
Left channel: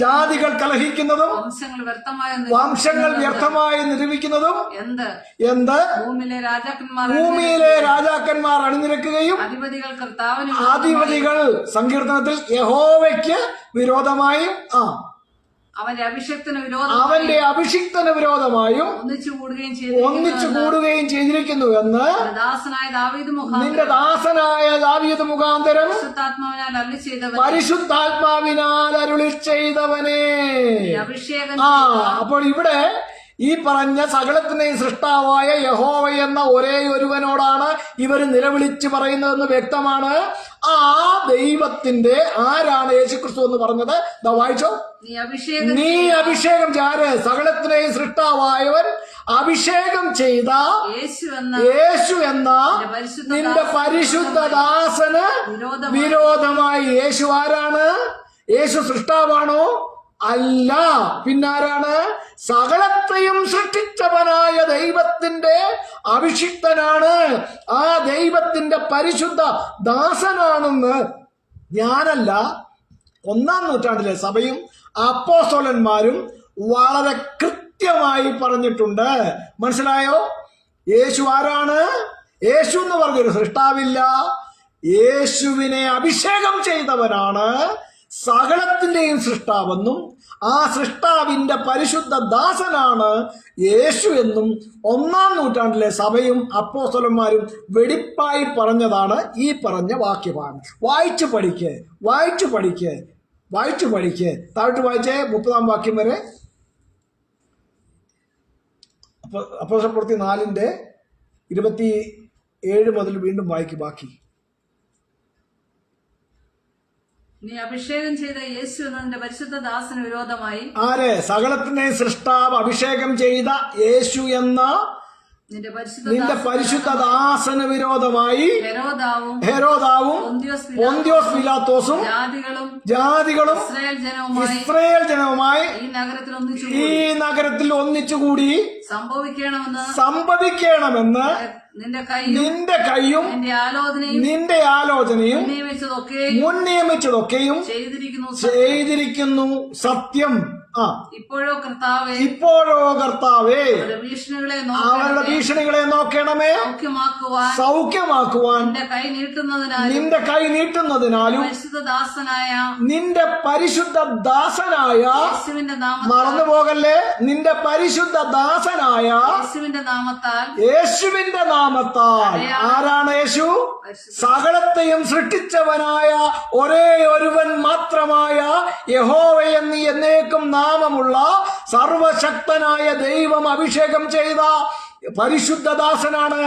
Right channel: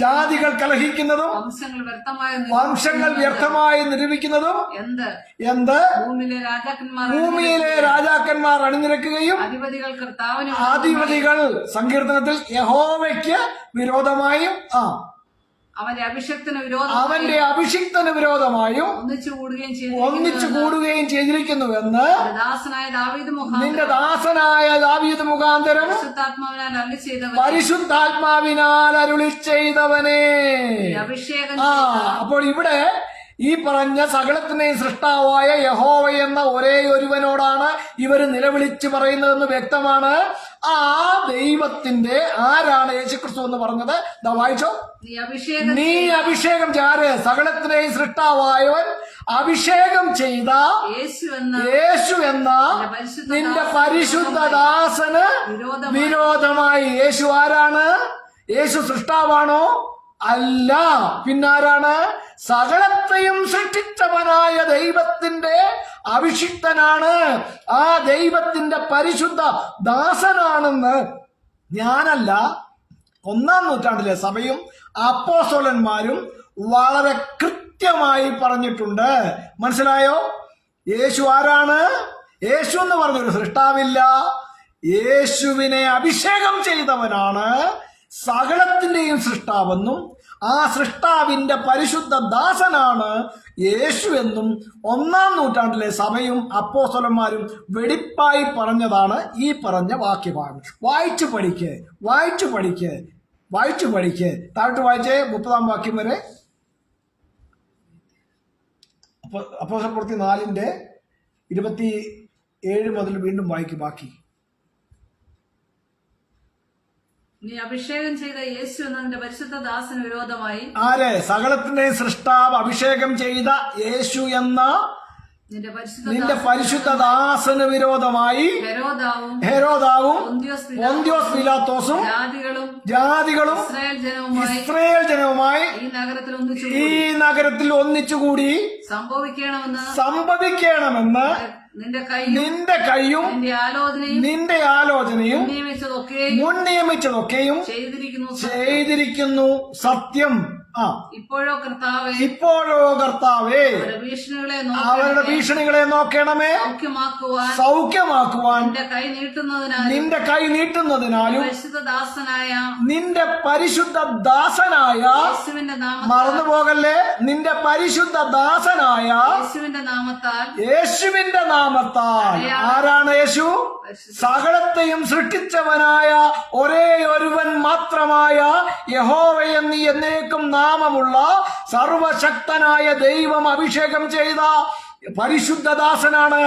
ജാതികൾ കലഹിക്കുന്നതും വംശങ്ങൾ വ്യർത്ഥമായി നിരൂപിക്കുന്നതും എന്ത്? ഭൂമിയിലെ രാജാക്കന്മാർ അണിനിരക്കുകയും അധിപതികൾ സങ്കീർത്തനത്തിൽ യഹോവയ്ക്ക് വിരോധമായും അവന്റെ അഭിഷിക്തന് വിരോധമായും ഒന്നിച്ചു കൂടുകയും ചെയ്തിരിക്കുന്നുവെന്ന് നിന്റെ ദാസനായ ദാവീദ് മുഖാന്തരം പരിശുദ്ധാത്മാവിനാൽ അരുളി ചെയ്തവനെ. അപ്പോൾ ഇവിടെ ഈ പറഞ്ഞ സകലത്തിനെയും സൃഷ്ടാവായ യഹോവ എന്ന ഒരേ ഒരുവനോടാണ് ഇവർ നിലവിളിച്ച് പറയുന്നതെന്ന് വ്യക്തമാണ്. ആ ദൈവത്തിന്റെ ആരാണ് യേശുക്രിസ്തു എന്ന് പറഞ്ഞത്? വായിച്ചോ. നീ അഭിഷേകം ആര്? സകലത്തിനെയും സൃഷ്ടാവായവൻ അഭിഷേകം ചെയ്ത യേശു എന്ന നിന്റെ പരിശുദ്ധ ദാസന് വിരോധമായി. യേശു ആരാണ്? യേശു സൃഷ്ടാവാണോ? അല്ല. പിന്നാരാണ്? സകലത്തെയും സൃഷ്ടിച്ചവനായ ദൈവത്തിന്റെ അഭിഷിക്തനാണ്. ആ ദൈവത്തിന്റെ പരിശുദ്ധ ദാസനാണെന്ന് ഞാനല്ല, 1-ാം നൂറ്റാണ്ടിലെ സഭയും അപ്പോസ്തലന്മാരും വളരെ കൃത്യമായി പറഞ്ഞിട്ടുണ്ട്. മനസ്സിലായോ? യേശു ആരാണ്? യേശു എന്ന് പറഞ്ഞൊരു സൃഷ്ടാവില്ല. യേശുവിനെ അഭിഷേകം ചെയ്തവനാണ് സകലത്തിന്റെയും സൃഷ്ടാവെന്നും ആ സൃഷ്ടാവിന്റെ പരിശുദ്ധ ദാസനാണ് യേശു എന്നും 1-ാം നൂറ്റാണ്ടിലെ സഭയും അപ്പോസ്തലന്മാരും വെടിപ്പായി പറഞ്ഞതാണ് ഈ പറഞ്ഞ വാക്യഭാഗം. വായിച്ചു പഠിക്ക്. താഴോട്ട് വായിച്ചേ 30-ാം വാക്യം വരെ. അപ്പോസ്തലപ്രവൃത്തി 4:27 മുതൽ വീണ്ടും വായിക്കും ബാക്കി. നീ അഭിഷേകം ചെയ്ത യേശു എന്നതിന്റെ പരിശുദ്ധ ദാസന് വിരോധമായി ആരെ? സകലത്തിന്റെയും സൃഷ്ടാവ് അഭിഷേകം ചെയ്ത യേശു എന്ന നിന്റെ പരിശുദ്ധ ദാസന് വിരോധമായി ഹെരോദാവും പൊന്തിയോസ് പീലാത്തോസും ജാതികളും ഇസ്രായേൽ ജനവുമായി ഈ നഗരത്തിൽ ഒന്നിച്ചുകൂടി സംഭവിക്കണമെന്ന് നിന്റെ കൈയും നിന്റെ ആലോചനയും മുൻ നിയമിച്ചതൊക്കെയും ചെയ്തിരിക്കുന്നു. സത്യം. ഇപ്പോഴോ കർത്താവേ അവരുടെ ഭീഷണികളെ നോക്കണമേ. സൗഖ്യമാക്കുവാൻ നിന്റെ കൈ നീട്ടുന്നതിനാലും നിന്റെ പരിശുദ്ധ ദാസനായ മറന്നുപോകല്ലേ, നിന്റെ പരിശുദ്ധ ദാസനായ യേശുവിന്റെ നാമത്താൽ. ആരാണ് യേശു? സകലത്തെയും സൃഷ്ടിച്ചവനായ ഒരേ ഒരുവൻ മാത്രമായ യഹോവയെന്ന് എന്നേക്കും നാമമുള്ള സർവശക്തനായ ദൈവം അഭിഷേകം ചെയ്ത പരിശുദ്ധ ദാസനാണ്.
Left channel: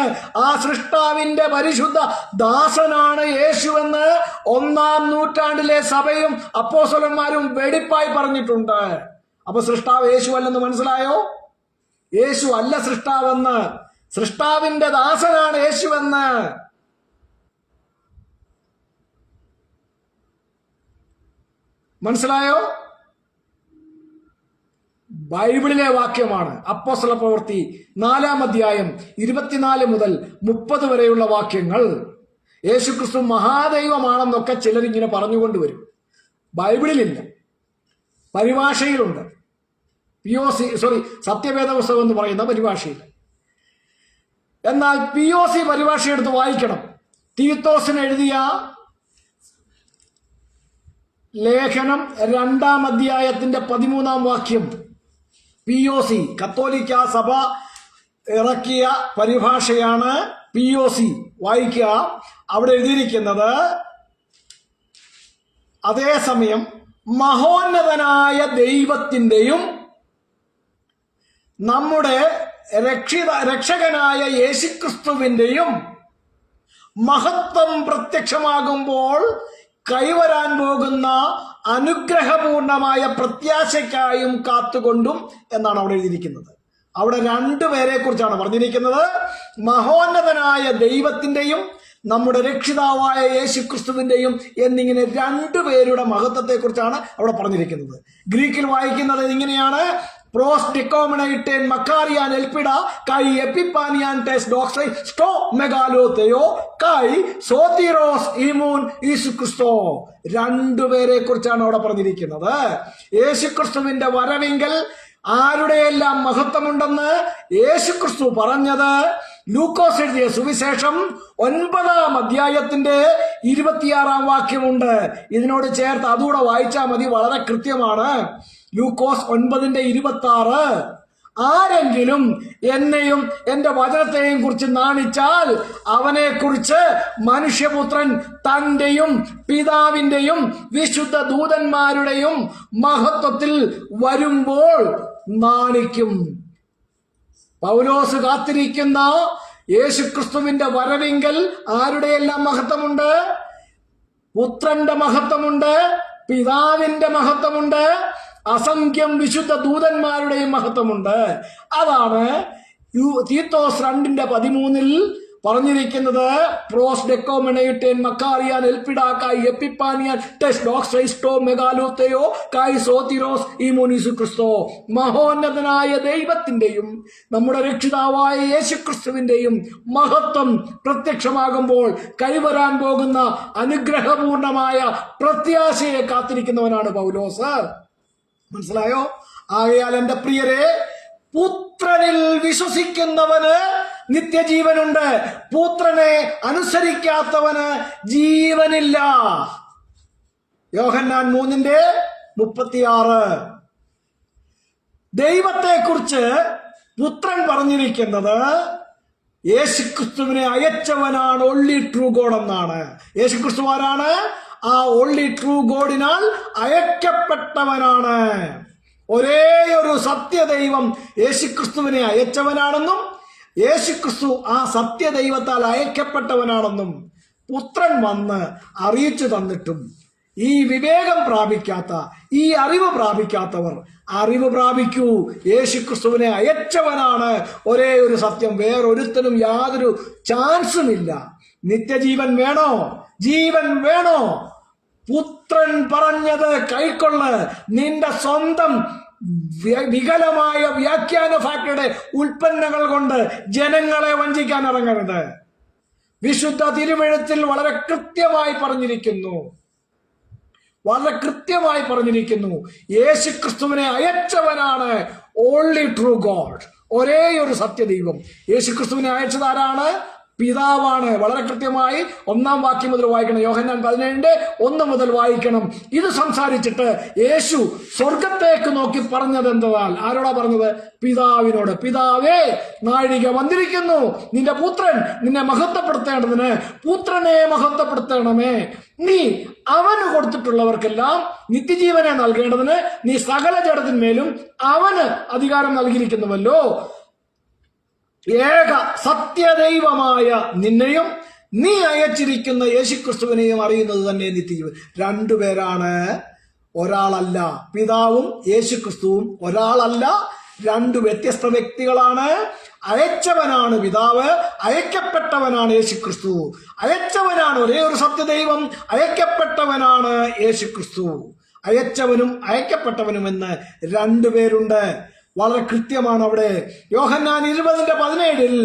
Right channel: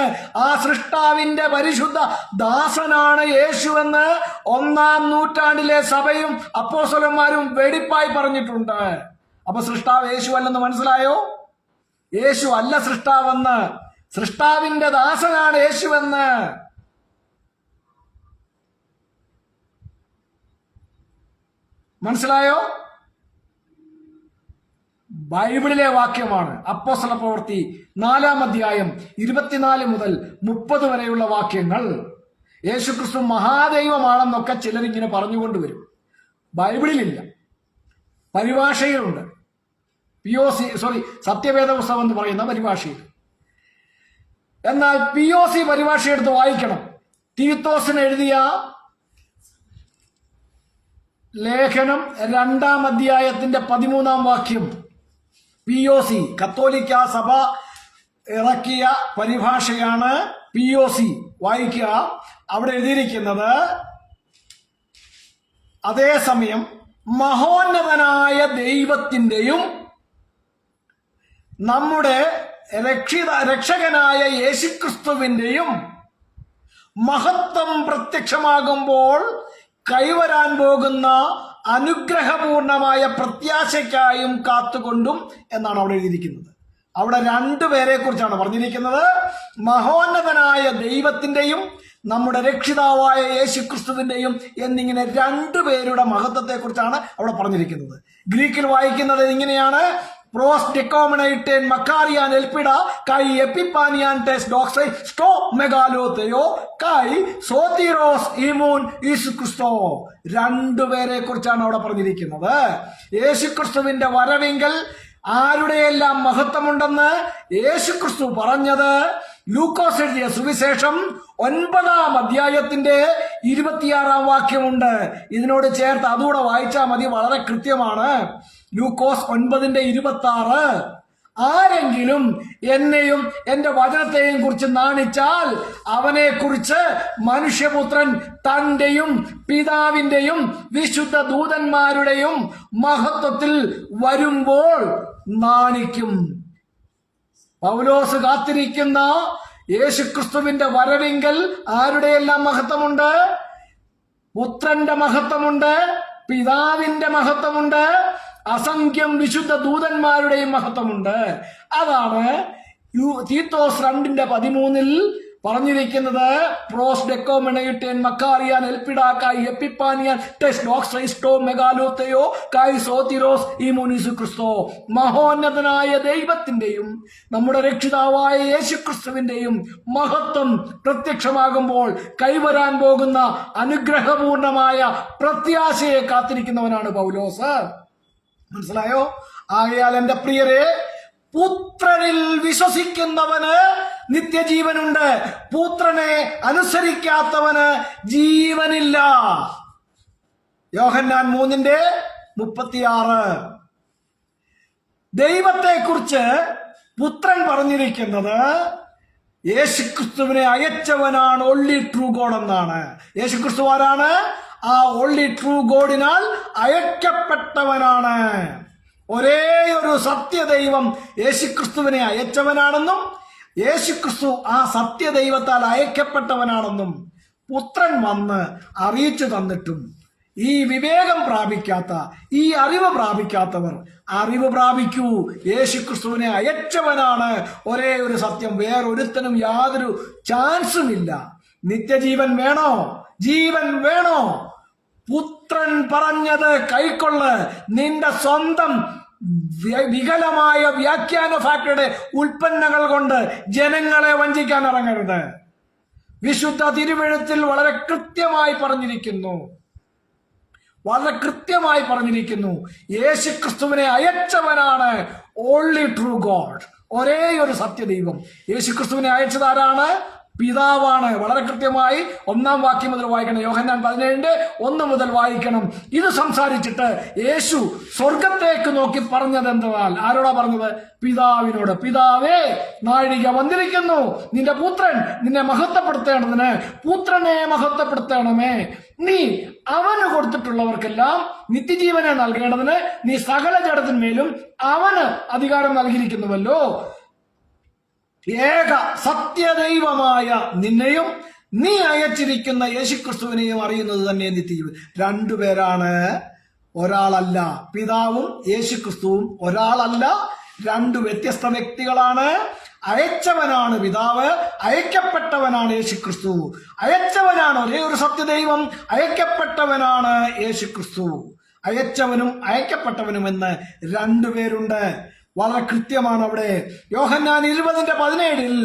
ആ സൃഷ്ടാവിന്റെ പരിശുദ്ധ ദാസനാണ് യേശുവെന്ന് 1-ാം നൂറ്റാണ്ടിലെ സഭയും അപ്പോസ്തലന്മാരും വെടിപ്പായി പറഞ്ഞിട്ടുണ്ട്. അപ്പൊ സൃഷ്ടാവ് യേശു അല്ലെന്ന് മനസ്സിലായോ? യേശു അല്ല സൃഷ്ടാവെന്ന്, സൃഷ്ടാവിന്റെ ദാസനാണ് യേശുവെന്ന്. മനസ്സിലായോ? ബൈബിളിലെ വാക്യമാണ്. അപ്പോസ്തലപ്രവൃത്തി 4-ാം അധ്യായം 24 മുതൽ 30 വരെയുള്ള വാക്യങ്ങൾ. യേശുക്രിസ്തു മഹാദൈവമാണെന്നൊക്കെ ചിലരിങ്ങനെ പറഞ്ഞുകൊണ്ടുവരും. ബൈബിളിലില്ല, പരിഭാഷയിലുണ്ട്. സത്യവേദ പുസ്തകം എന്ന് പറയുന്ന പരിഭാഷയിൽ. എന്നാൽ POC പരിഭാഷ എടുത്ത് വായിക്കണം. തീത്തോസിന് എഴുതിയ ലേഖനം 2-ാം അധ്യായത്തിന്റെ 13-ാം വാക്യം. POC കത്തോലിക്ക സഭ ഇറക്കിയ പരിഭാഷയാണ് POC. വായിക്കുക. അവിടെ എഴുതിയിരിക്കുന്നത്, അതേസമയം മഹോന്നതനായ ദൈവത്തിന്റെയും നമ്മുടെ രക്ഷകനായ യേശുക്രിസ്തുവിന്റെയും മഹത്വം പ്രത്യക്ഷമാകുമ്പോൾ കൈവരാൻ പോകുന്ന അനുഗ്രഹപൂർണമായ പ്രത്യാശയ്ക്കായും കാത്തുകൊണ്ടും എന്നാണ് അവിടെ എഴുതിയിരിക്കുന്നത്. അവിടെ 2 പേരെ കുറിച്ചാണ് പറഞ്ഞിരിക്കുന്നത്. മഹോന്നതനായ ദൈവത്തിന്റെയും നമ്മുടെ രക്ഷിതാവായ യേശുക്രിസ്തുവിന്റെയും എന്നിങ്ങനെ 2 പേരുടെ മഹത്വത്തെ കുറിച്ചാണ് അവിടെ പറഞ്ഞിരിക്കുന്നത്. ഗ്രീക്കിൽ വായിക്കുന്നത് ഇങ്ങനെയാണ്: പ്രോസ് ഡിക്കോമിനൈറ്റേൻ മക്കാറിയാൻ എൽപിഡ കൈ എപ്പിപ്പാനിയാൻ ടെസ് ഡോക്സൈ സ്റ്റോ മെഗാലോതെയോ കൈ സോതിറോസ് ഇമൂൻ യേശുക്രിസ്തോ. 2 പേരെ കുറിച്ചാണ് അവിടെ പറഞ്ഞിരിക്കുന്നത്. യേശുക്രിസ്തുവിന്റെ വരവിങ്കൽ ആരുടെയെല്ലാം മഹത്വമുണ്ടെന്ന് യേശുക്രിസ്തു പറഞ്ഞത് ലൂക്കോസ് എഴുതിയ സുവിശേഷം 9-ാം അധ്യായത്തിന്റെ 26-ാം വാക്യമുണ്ട്. ഇതിനോട് ചേർത്ത് അതുകൂടെ വായിച്ചാൽ മതി, വളരെ കൃത്യമാണ്. ലൂക്കോസ് 9:26. ആരെങ്കിലും എന്നെയും എന്റെ വചനത്തെയും കുറിച്ച് നാണിച്ചാൽ അവനെ കുറിച്ച് മനുഷ്യപുത്രൻ തന്റെയും പിതാവിന്റെയും വിശുദ്ധ ദൂതന്മാരുടെയും മഹത്വത്തിൽ വരുമ്പോൾ നാണിക്കും. പൗലോസ് കാത്തിരിക്കുന്ന യേശുക്രിസ്തുവിന്റെ വരവിങ്കൽ ആരുടെയെല്ലാം മഹത്വമുണ്ട്? പുത്രന്റെ മഹത്വമുണ്ട്, പിതാവിന്റെ മഹത്വമുണ്ട്, അസംഖ്യം വിശുദ്ധ ദൂതന്മാരുടെയും മഹത്വമുണ്ട്. അതാണ് തീത്തോസ് 2:13 പറഞ്ഞിരിക്കുന്നത്. പ്രോസ് ഡെക്കോമെനയുട്ടേൻ മക്കാറിയാൻ എൽപിഡാക്കായി എപ്പിപ്പാനിയാൻ ടെസ് ഡോക്സൈസ്റ്റോ മെഗാലോതെയോ കായ് സോതിറോസ് ഈമോനിസു ക്രിസ്തോ. മഹോന്നതനായ ദൈവത്തിന്റെയും നമ്മുടെ രക്ഷിതാവായ യേശുക്രിസ്തുവിന്റെയും മഹത്വം പ്രത്യക്ഷമാകുമ്പോൾ കൈവരാൻ പോകുന്ന അനുഗ്രഹപൂർണമായ പ്രത്യാശയെ കാത്തിരിക്കുന്നവനാണ് പൗലോസ്. മനസ്സിലായോ? ആകയാൽ എന്റെ പ്രിയരെ, പുത്രനിൽ വിശ്വസിക്കുന്നവന് നിത്യജീവനുണ്ട്, പുത്രനെ അനുസരിക്കാത്തവന് ജീവനില്ല. യോഹന്നാൻ 3:36. ദൈവത്തെക്കുറിച്ച് പുത്രൻ പറഞ്ഞിരിക്കുന്നത് യേശുക്രിസ്തുവിനെ അയച്ചവനാണ് ഓൺലി ട്രൂ ഗോഡ് എന്നാണ്. യേശുക്രിസ്തു ആരാണ്? ആ ഓൺലി ട്രൂ ഗോഡിനാൽ അയക്കപ്പെട്ടവനാണ്. ഒരേ ഒരു സത്യദൈവം യേശുക്രിസ്തുവിനെ അയച്ചവനാണെന്നും യേശുക്രിസ്തു ആ സത്യദൈവത്താൽ അയക്കപ്പെട്ടവനാണെന്നും പുത്രൻ വന്ന് അറിയിച്ചു തന്നിട്ടും ഈ വിവേകം പ്രാപിക്കാത്ത, ഈ അറിവ് പ്രാപിക്കാത്തവർ അറിവ് പ്രാപിക്കൂ, യേശുക്രിസ്തുവിനെ അയച്ചവനാണ് ഒരേ ഒരു സത്യം, വേറൊരുത്തനും യാതൊരു ചാൻസുമില്ല. നിത്യജീവൻ വേണോ? ജീവൻ വേണോ? പുത്രൻ പറഞ്ഞത് കൈക്കൊള്ള്. നിന്റെ സ്വന്തം വികലമായ വ്യാഖ്യാന ഫാക്ടറിയുടെ ഉൽപ്പന്നങ്ങൾ കൊണ്ട് ജനങ്ങളെ വഞ്ചിക്കാൻ ഇറങ്ങരുത്. വിശുദ്ധ തിരുവെഴുത്തിൽ വളരെ കൃത്യമായി പറഞ്ഞിരിക്കുന്നു, യേശുക്രിസ്തുവിനെ അയച്ചവനാണ് ഓൺലി ട്രൂ ഗോഡ്, ഒരേ ഒരു സത്യദൈവം. യേശുക്രിസ്തുവിനെ അയച്ചത് ആരാണ്? പിതാവാണ്. വളരെ കൃത്യമായി 1-ാം വാക്യം മുതൽ വായിക്കണം. യോഹന്നാൻ 17:1 മുതൽ വായിക്കണം. ഇത് സംസാരിച്ചിട്ട് യേശു സ്വർഗത്തേക്ക് നോക്കി പറഞ്ഞത് എന്തെന്നാൽ, ആരോടാ പറഞ്ഞത്? പിതാവിനോട്. പിതാവേ, നാഴിക വന്നിരിക്കുന്നു, നിന്റെ പുത്രൻ നിന്നെ മഹത്വപ്പെടുത്തേണ്ടതിന് പുത്രനെ മഹത്വപ്പെടുത്തണമേ. നീ അവന് കൊടുത്തിട്ടുള്ളവർക്കെല്ലാം നിത്യജീവനെ നൽകേണ്ടതിന് നീ സകല ജഡത്തിന്മേലും അവന് അധികാരം നൽകിയിരിക്കുന്നുവല്ലോ. ഏക സത്യദൈവമായ നിന്നെയും നീ അയച്ചിരിക്കുന്ന യേശുക്രിസ്തുവിനെയും അറിയുന്നത് തന്നെ നിത്യജീവൻ. രണ്ടുപേരാണ്, ഒരാളല്ല. പിതാവും യേശുക്രിസ്തുവും ഒരാളല്ല, രണ്ടു വ്യത്യസ്ത വ്യക്തികളാണ്. അയച്ചവനാണ് പിതാവ്, അയക്കപ്പെട്ടവനാണ് യേശുക്രിസ്തു. അയച്ചവനാണ് ഒരേ ഒരു സത്യദൈവം, അയക്കപ്പെട്ടവനാണ് യേശുക്രിസ്തു. അയച്ചവനും അയക്കപ്പെട്ടവനും എന്ന് രണ്ടുപേരുണ്ട്. വളരെ കൃത്യമാണ് അവിടെ. യോഹന്നാൻ 20:17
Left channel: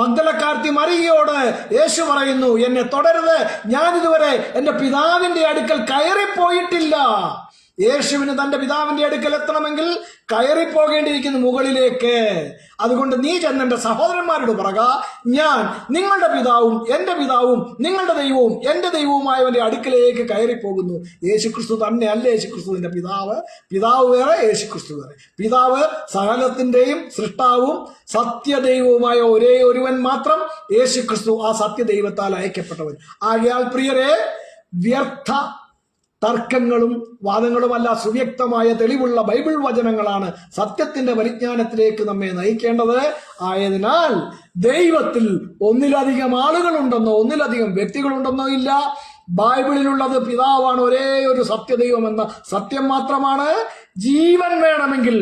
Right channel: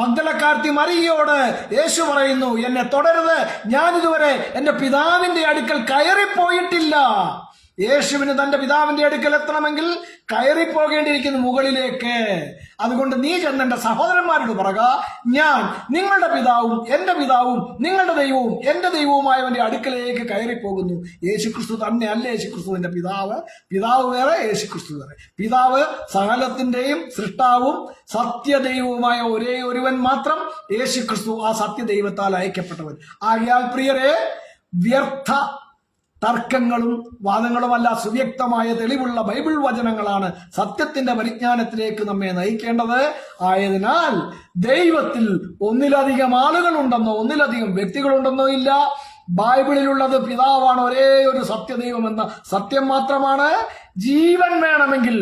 മഗ്ദലക്കാരത്തി മറിയയോട് യേശു പറയുന്നു, എന്നെ തുടരുത്, ഞാനിതുവരെ എന്റെ പിതാവിന്റെ അടുക്കൽ കയറിപ്പോയിട്ടില്ല. യേശുവിന് തന്റെ പിതാവിന്റെ അടുക്കൽ എത്തണമെങ്കിൽ കയറിപ്പോകേണ്ടിയിരിക്കുന്നു മുകളിലേക്ക്. അതുകൊണ്ട് നീ ചെന്നെന്റെ സഹോദരന്മാരോട് പറക, ഞാൻ നിങ്ങളുടെ പിതാവും എന്റെ പിതാവും നിങ്ങളുടെ ദൈവവും എന്റെ ദൈവവുമായവന്റെ അടുക്കലേക്ക് കയറിപ്പോകുന്നു. യേശുക്രിസ്തു തന്നെയല്ല യേശുക്രിസ്തുവിന്റെ പിതാവ്. പിതാവ് വേറെ, യേശുക്രിസ്തു വേറെ. പിതാവ് സകലത്തിന്റെയും സൃഷ്ടാവും സത്യദൈവവുമായ ഒരേ ഒരുവൻ മാത്രം. യേശുക്രിസ്തു ആ സത്യദൈവത്താൽ അയക്കപ്പെട്ടവൻ. ആകയാൽ പ്രിയരെ, വ്യർത്ഥ തർക്കങ്ങളും വാദങ്ങളുമല്ല, സുവ്യക്തമായ തെളിവുള്ള ബൈബിൾ വചനങ്ങളാണ് സത്യത്തിന്റെ പരിജ്ഞാനത്തിലേക്ക് നമ്മെ നയിക്കേണ്ടത്. ആയതിനാൽ ദൈവത്തിൽ ഒന്നിലധികം ആളുകളുണ്ടെന്നോ ഒന്നിലധികം വ്യക്തികളുണ്ടെന്നോ ഇല്ല. ബൈബിളിലുള്ളത് പിതാവാണ് ഒരേ ഒരു സത്യദൈവം എന്ന സത്യം മാത്രമാണ്. ജീവൻ വേണമെങ്കിൽ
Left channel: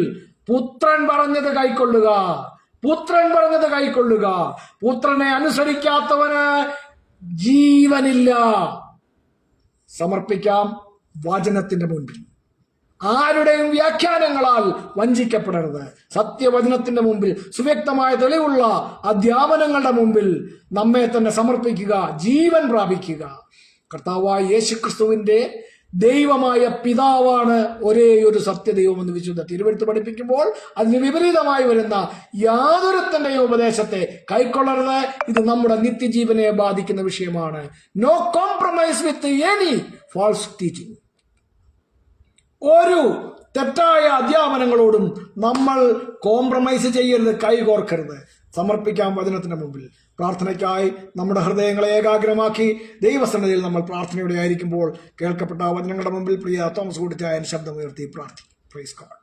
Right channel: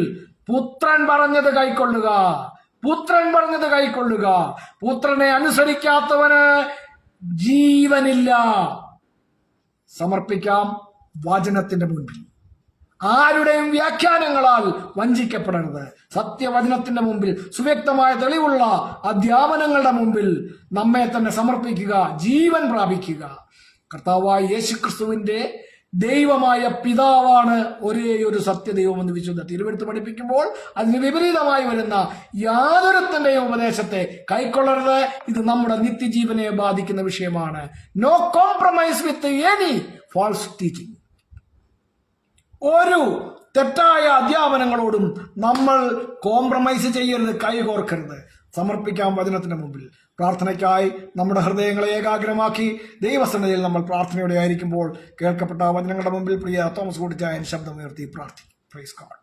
പുത്രൻ പറഞ്ഞത് കൈക്കൊള്ളുക, പുത്രൻ പറഞ്ഞത് കൈക്കൊള്ളുക. പുത്രനെ അനുസരിക്കാത്തവന് ജീവനില്ല. സമർപ്പിക്കാം വചനത്തിന്റെ മുൻപിൽ. ആരുടെയും വ്യാഖ്യാനങ്ങളാൽ വഞ്ചിക്കപ്പെടരുത്. സത്യവചനത്തിന്റെ മുമ്പിൽ, സുവ്യക്തമായ തെളിവുള്ള അധ്യാപനങ്ങളുടെ മുമ്പിൽ നമ്മെ തന്നെ സമർപ്പിക്കുക, ജീവൻ പ്രാപിക്കുക. കർത്താവായ യേശുക്രിസ്തുവിന്റെ ദൈവമായ പിതാവാണ് ഒരേ ഒരു സത്യദൈവമെന്ന് വിശുദ്ധ തിരുവെഴുത്ത് പഠിപ്പിക്കുമ്പോൾ അതിന് വിപരീതമായി വരുന്ന യാതൊരുത്തന്റെയും ഉപദേശത്തെ കൈക്കൊള്ളരുത്. ഇത് നമ്മുടെ നിത്യജീവനെ ബാധിക്കുന്ന വിഷയമാണ്. No compromise with any false teaching. ഒരു തെറ്റായ അധ്യാപനങ്ങളോടും നമ്മൾ കോംപ്രമൈസ് ചെയ്യരുത്, കൈകോർക്കരുത്. സമർപ്പിക്കാം വചനത്തിന്റെ മുമ്പിൽ. പ്രാർത്ഥനയ്ക്കായി നമ്മുടെ ഹൃദയങ്ങളെ ഏകാഗ്രമാക്കി ദൈവസന്നിധിയിൽ നമ്മൾ പ്രാർത്ഥനയോടെ ആയിരിക്കുമ്പോൾ കേൾക്കപ്പെട്ട വചനങ്ങളുടെ മുമ്പിൽ പ്രിയ തോമസ് കൂട്ടിച്ചായൻ ശബ്ദമുയർത്തി പ്രാർത്ഥിക്കും. Praise God.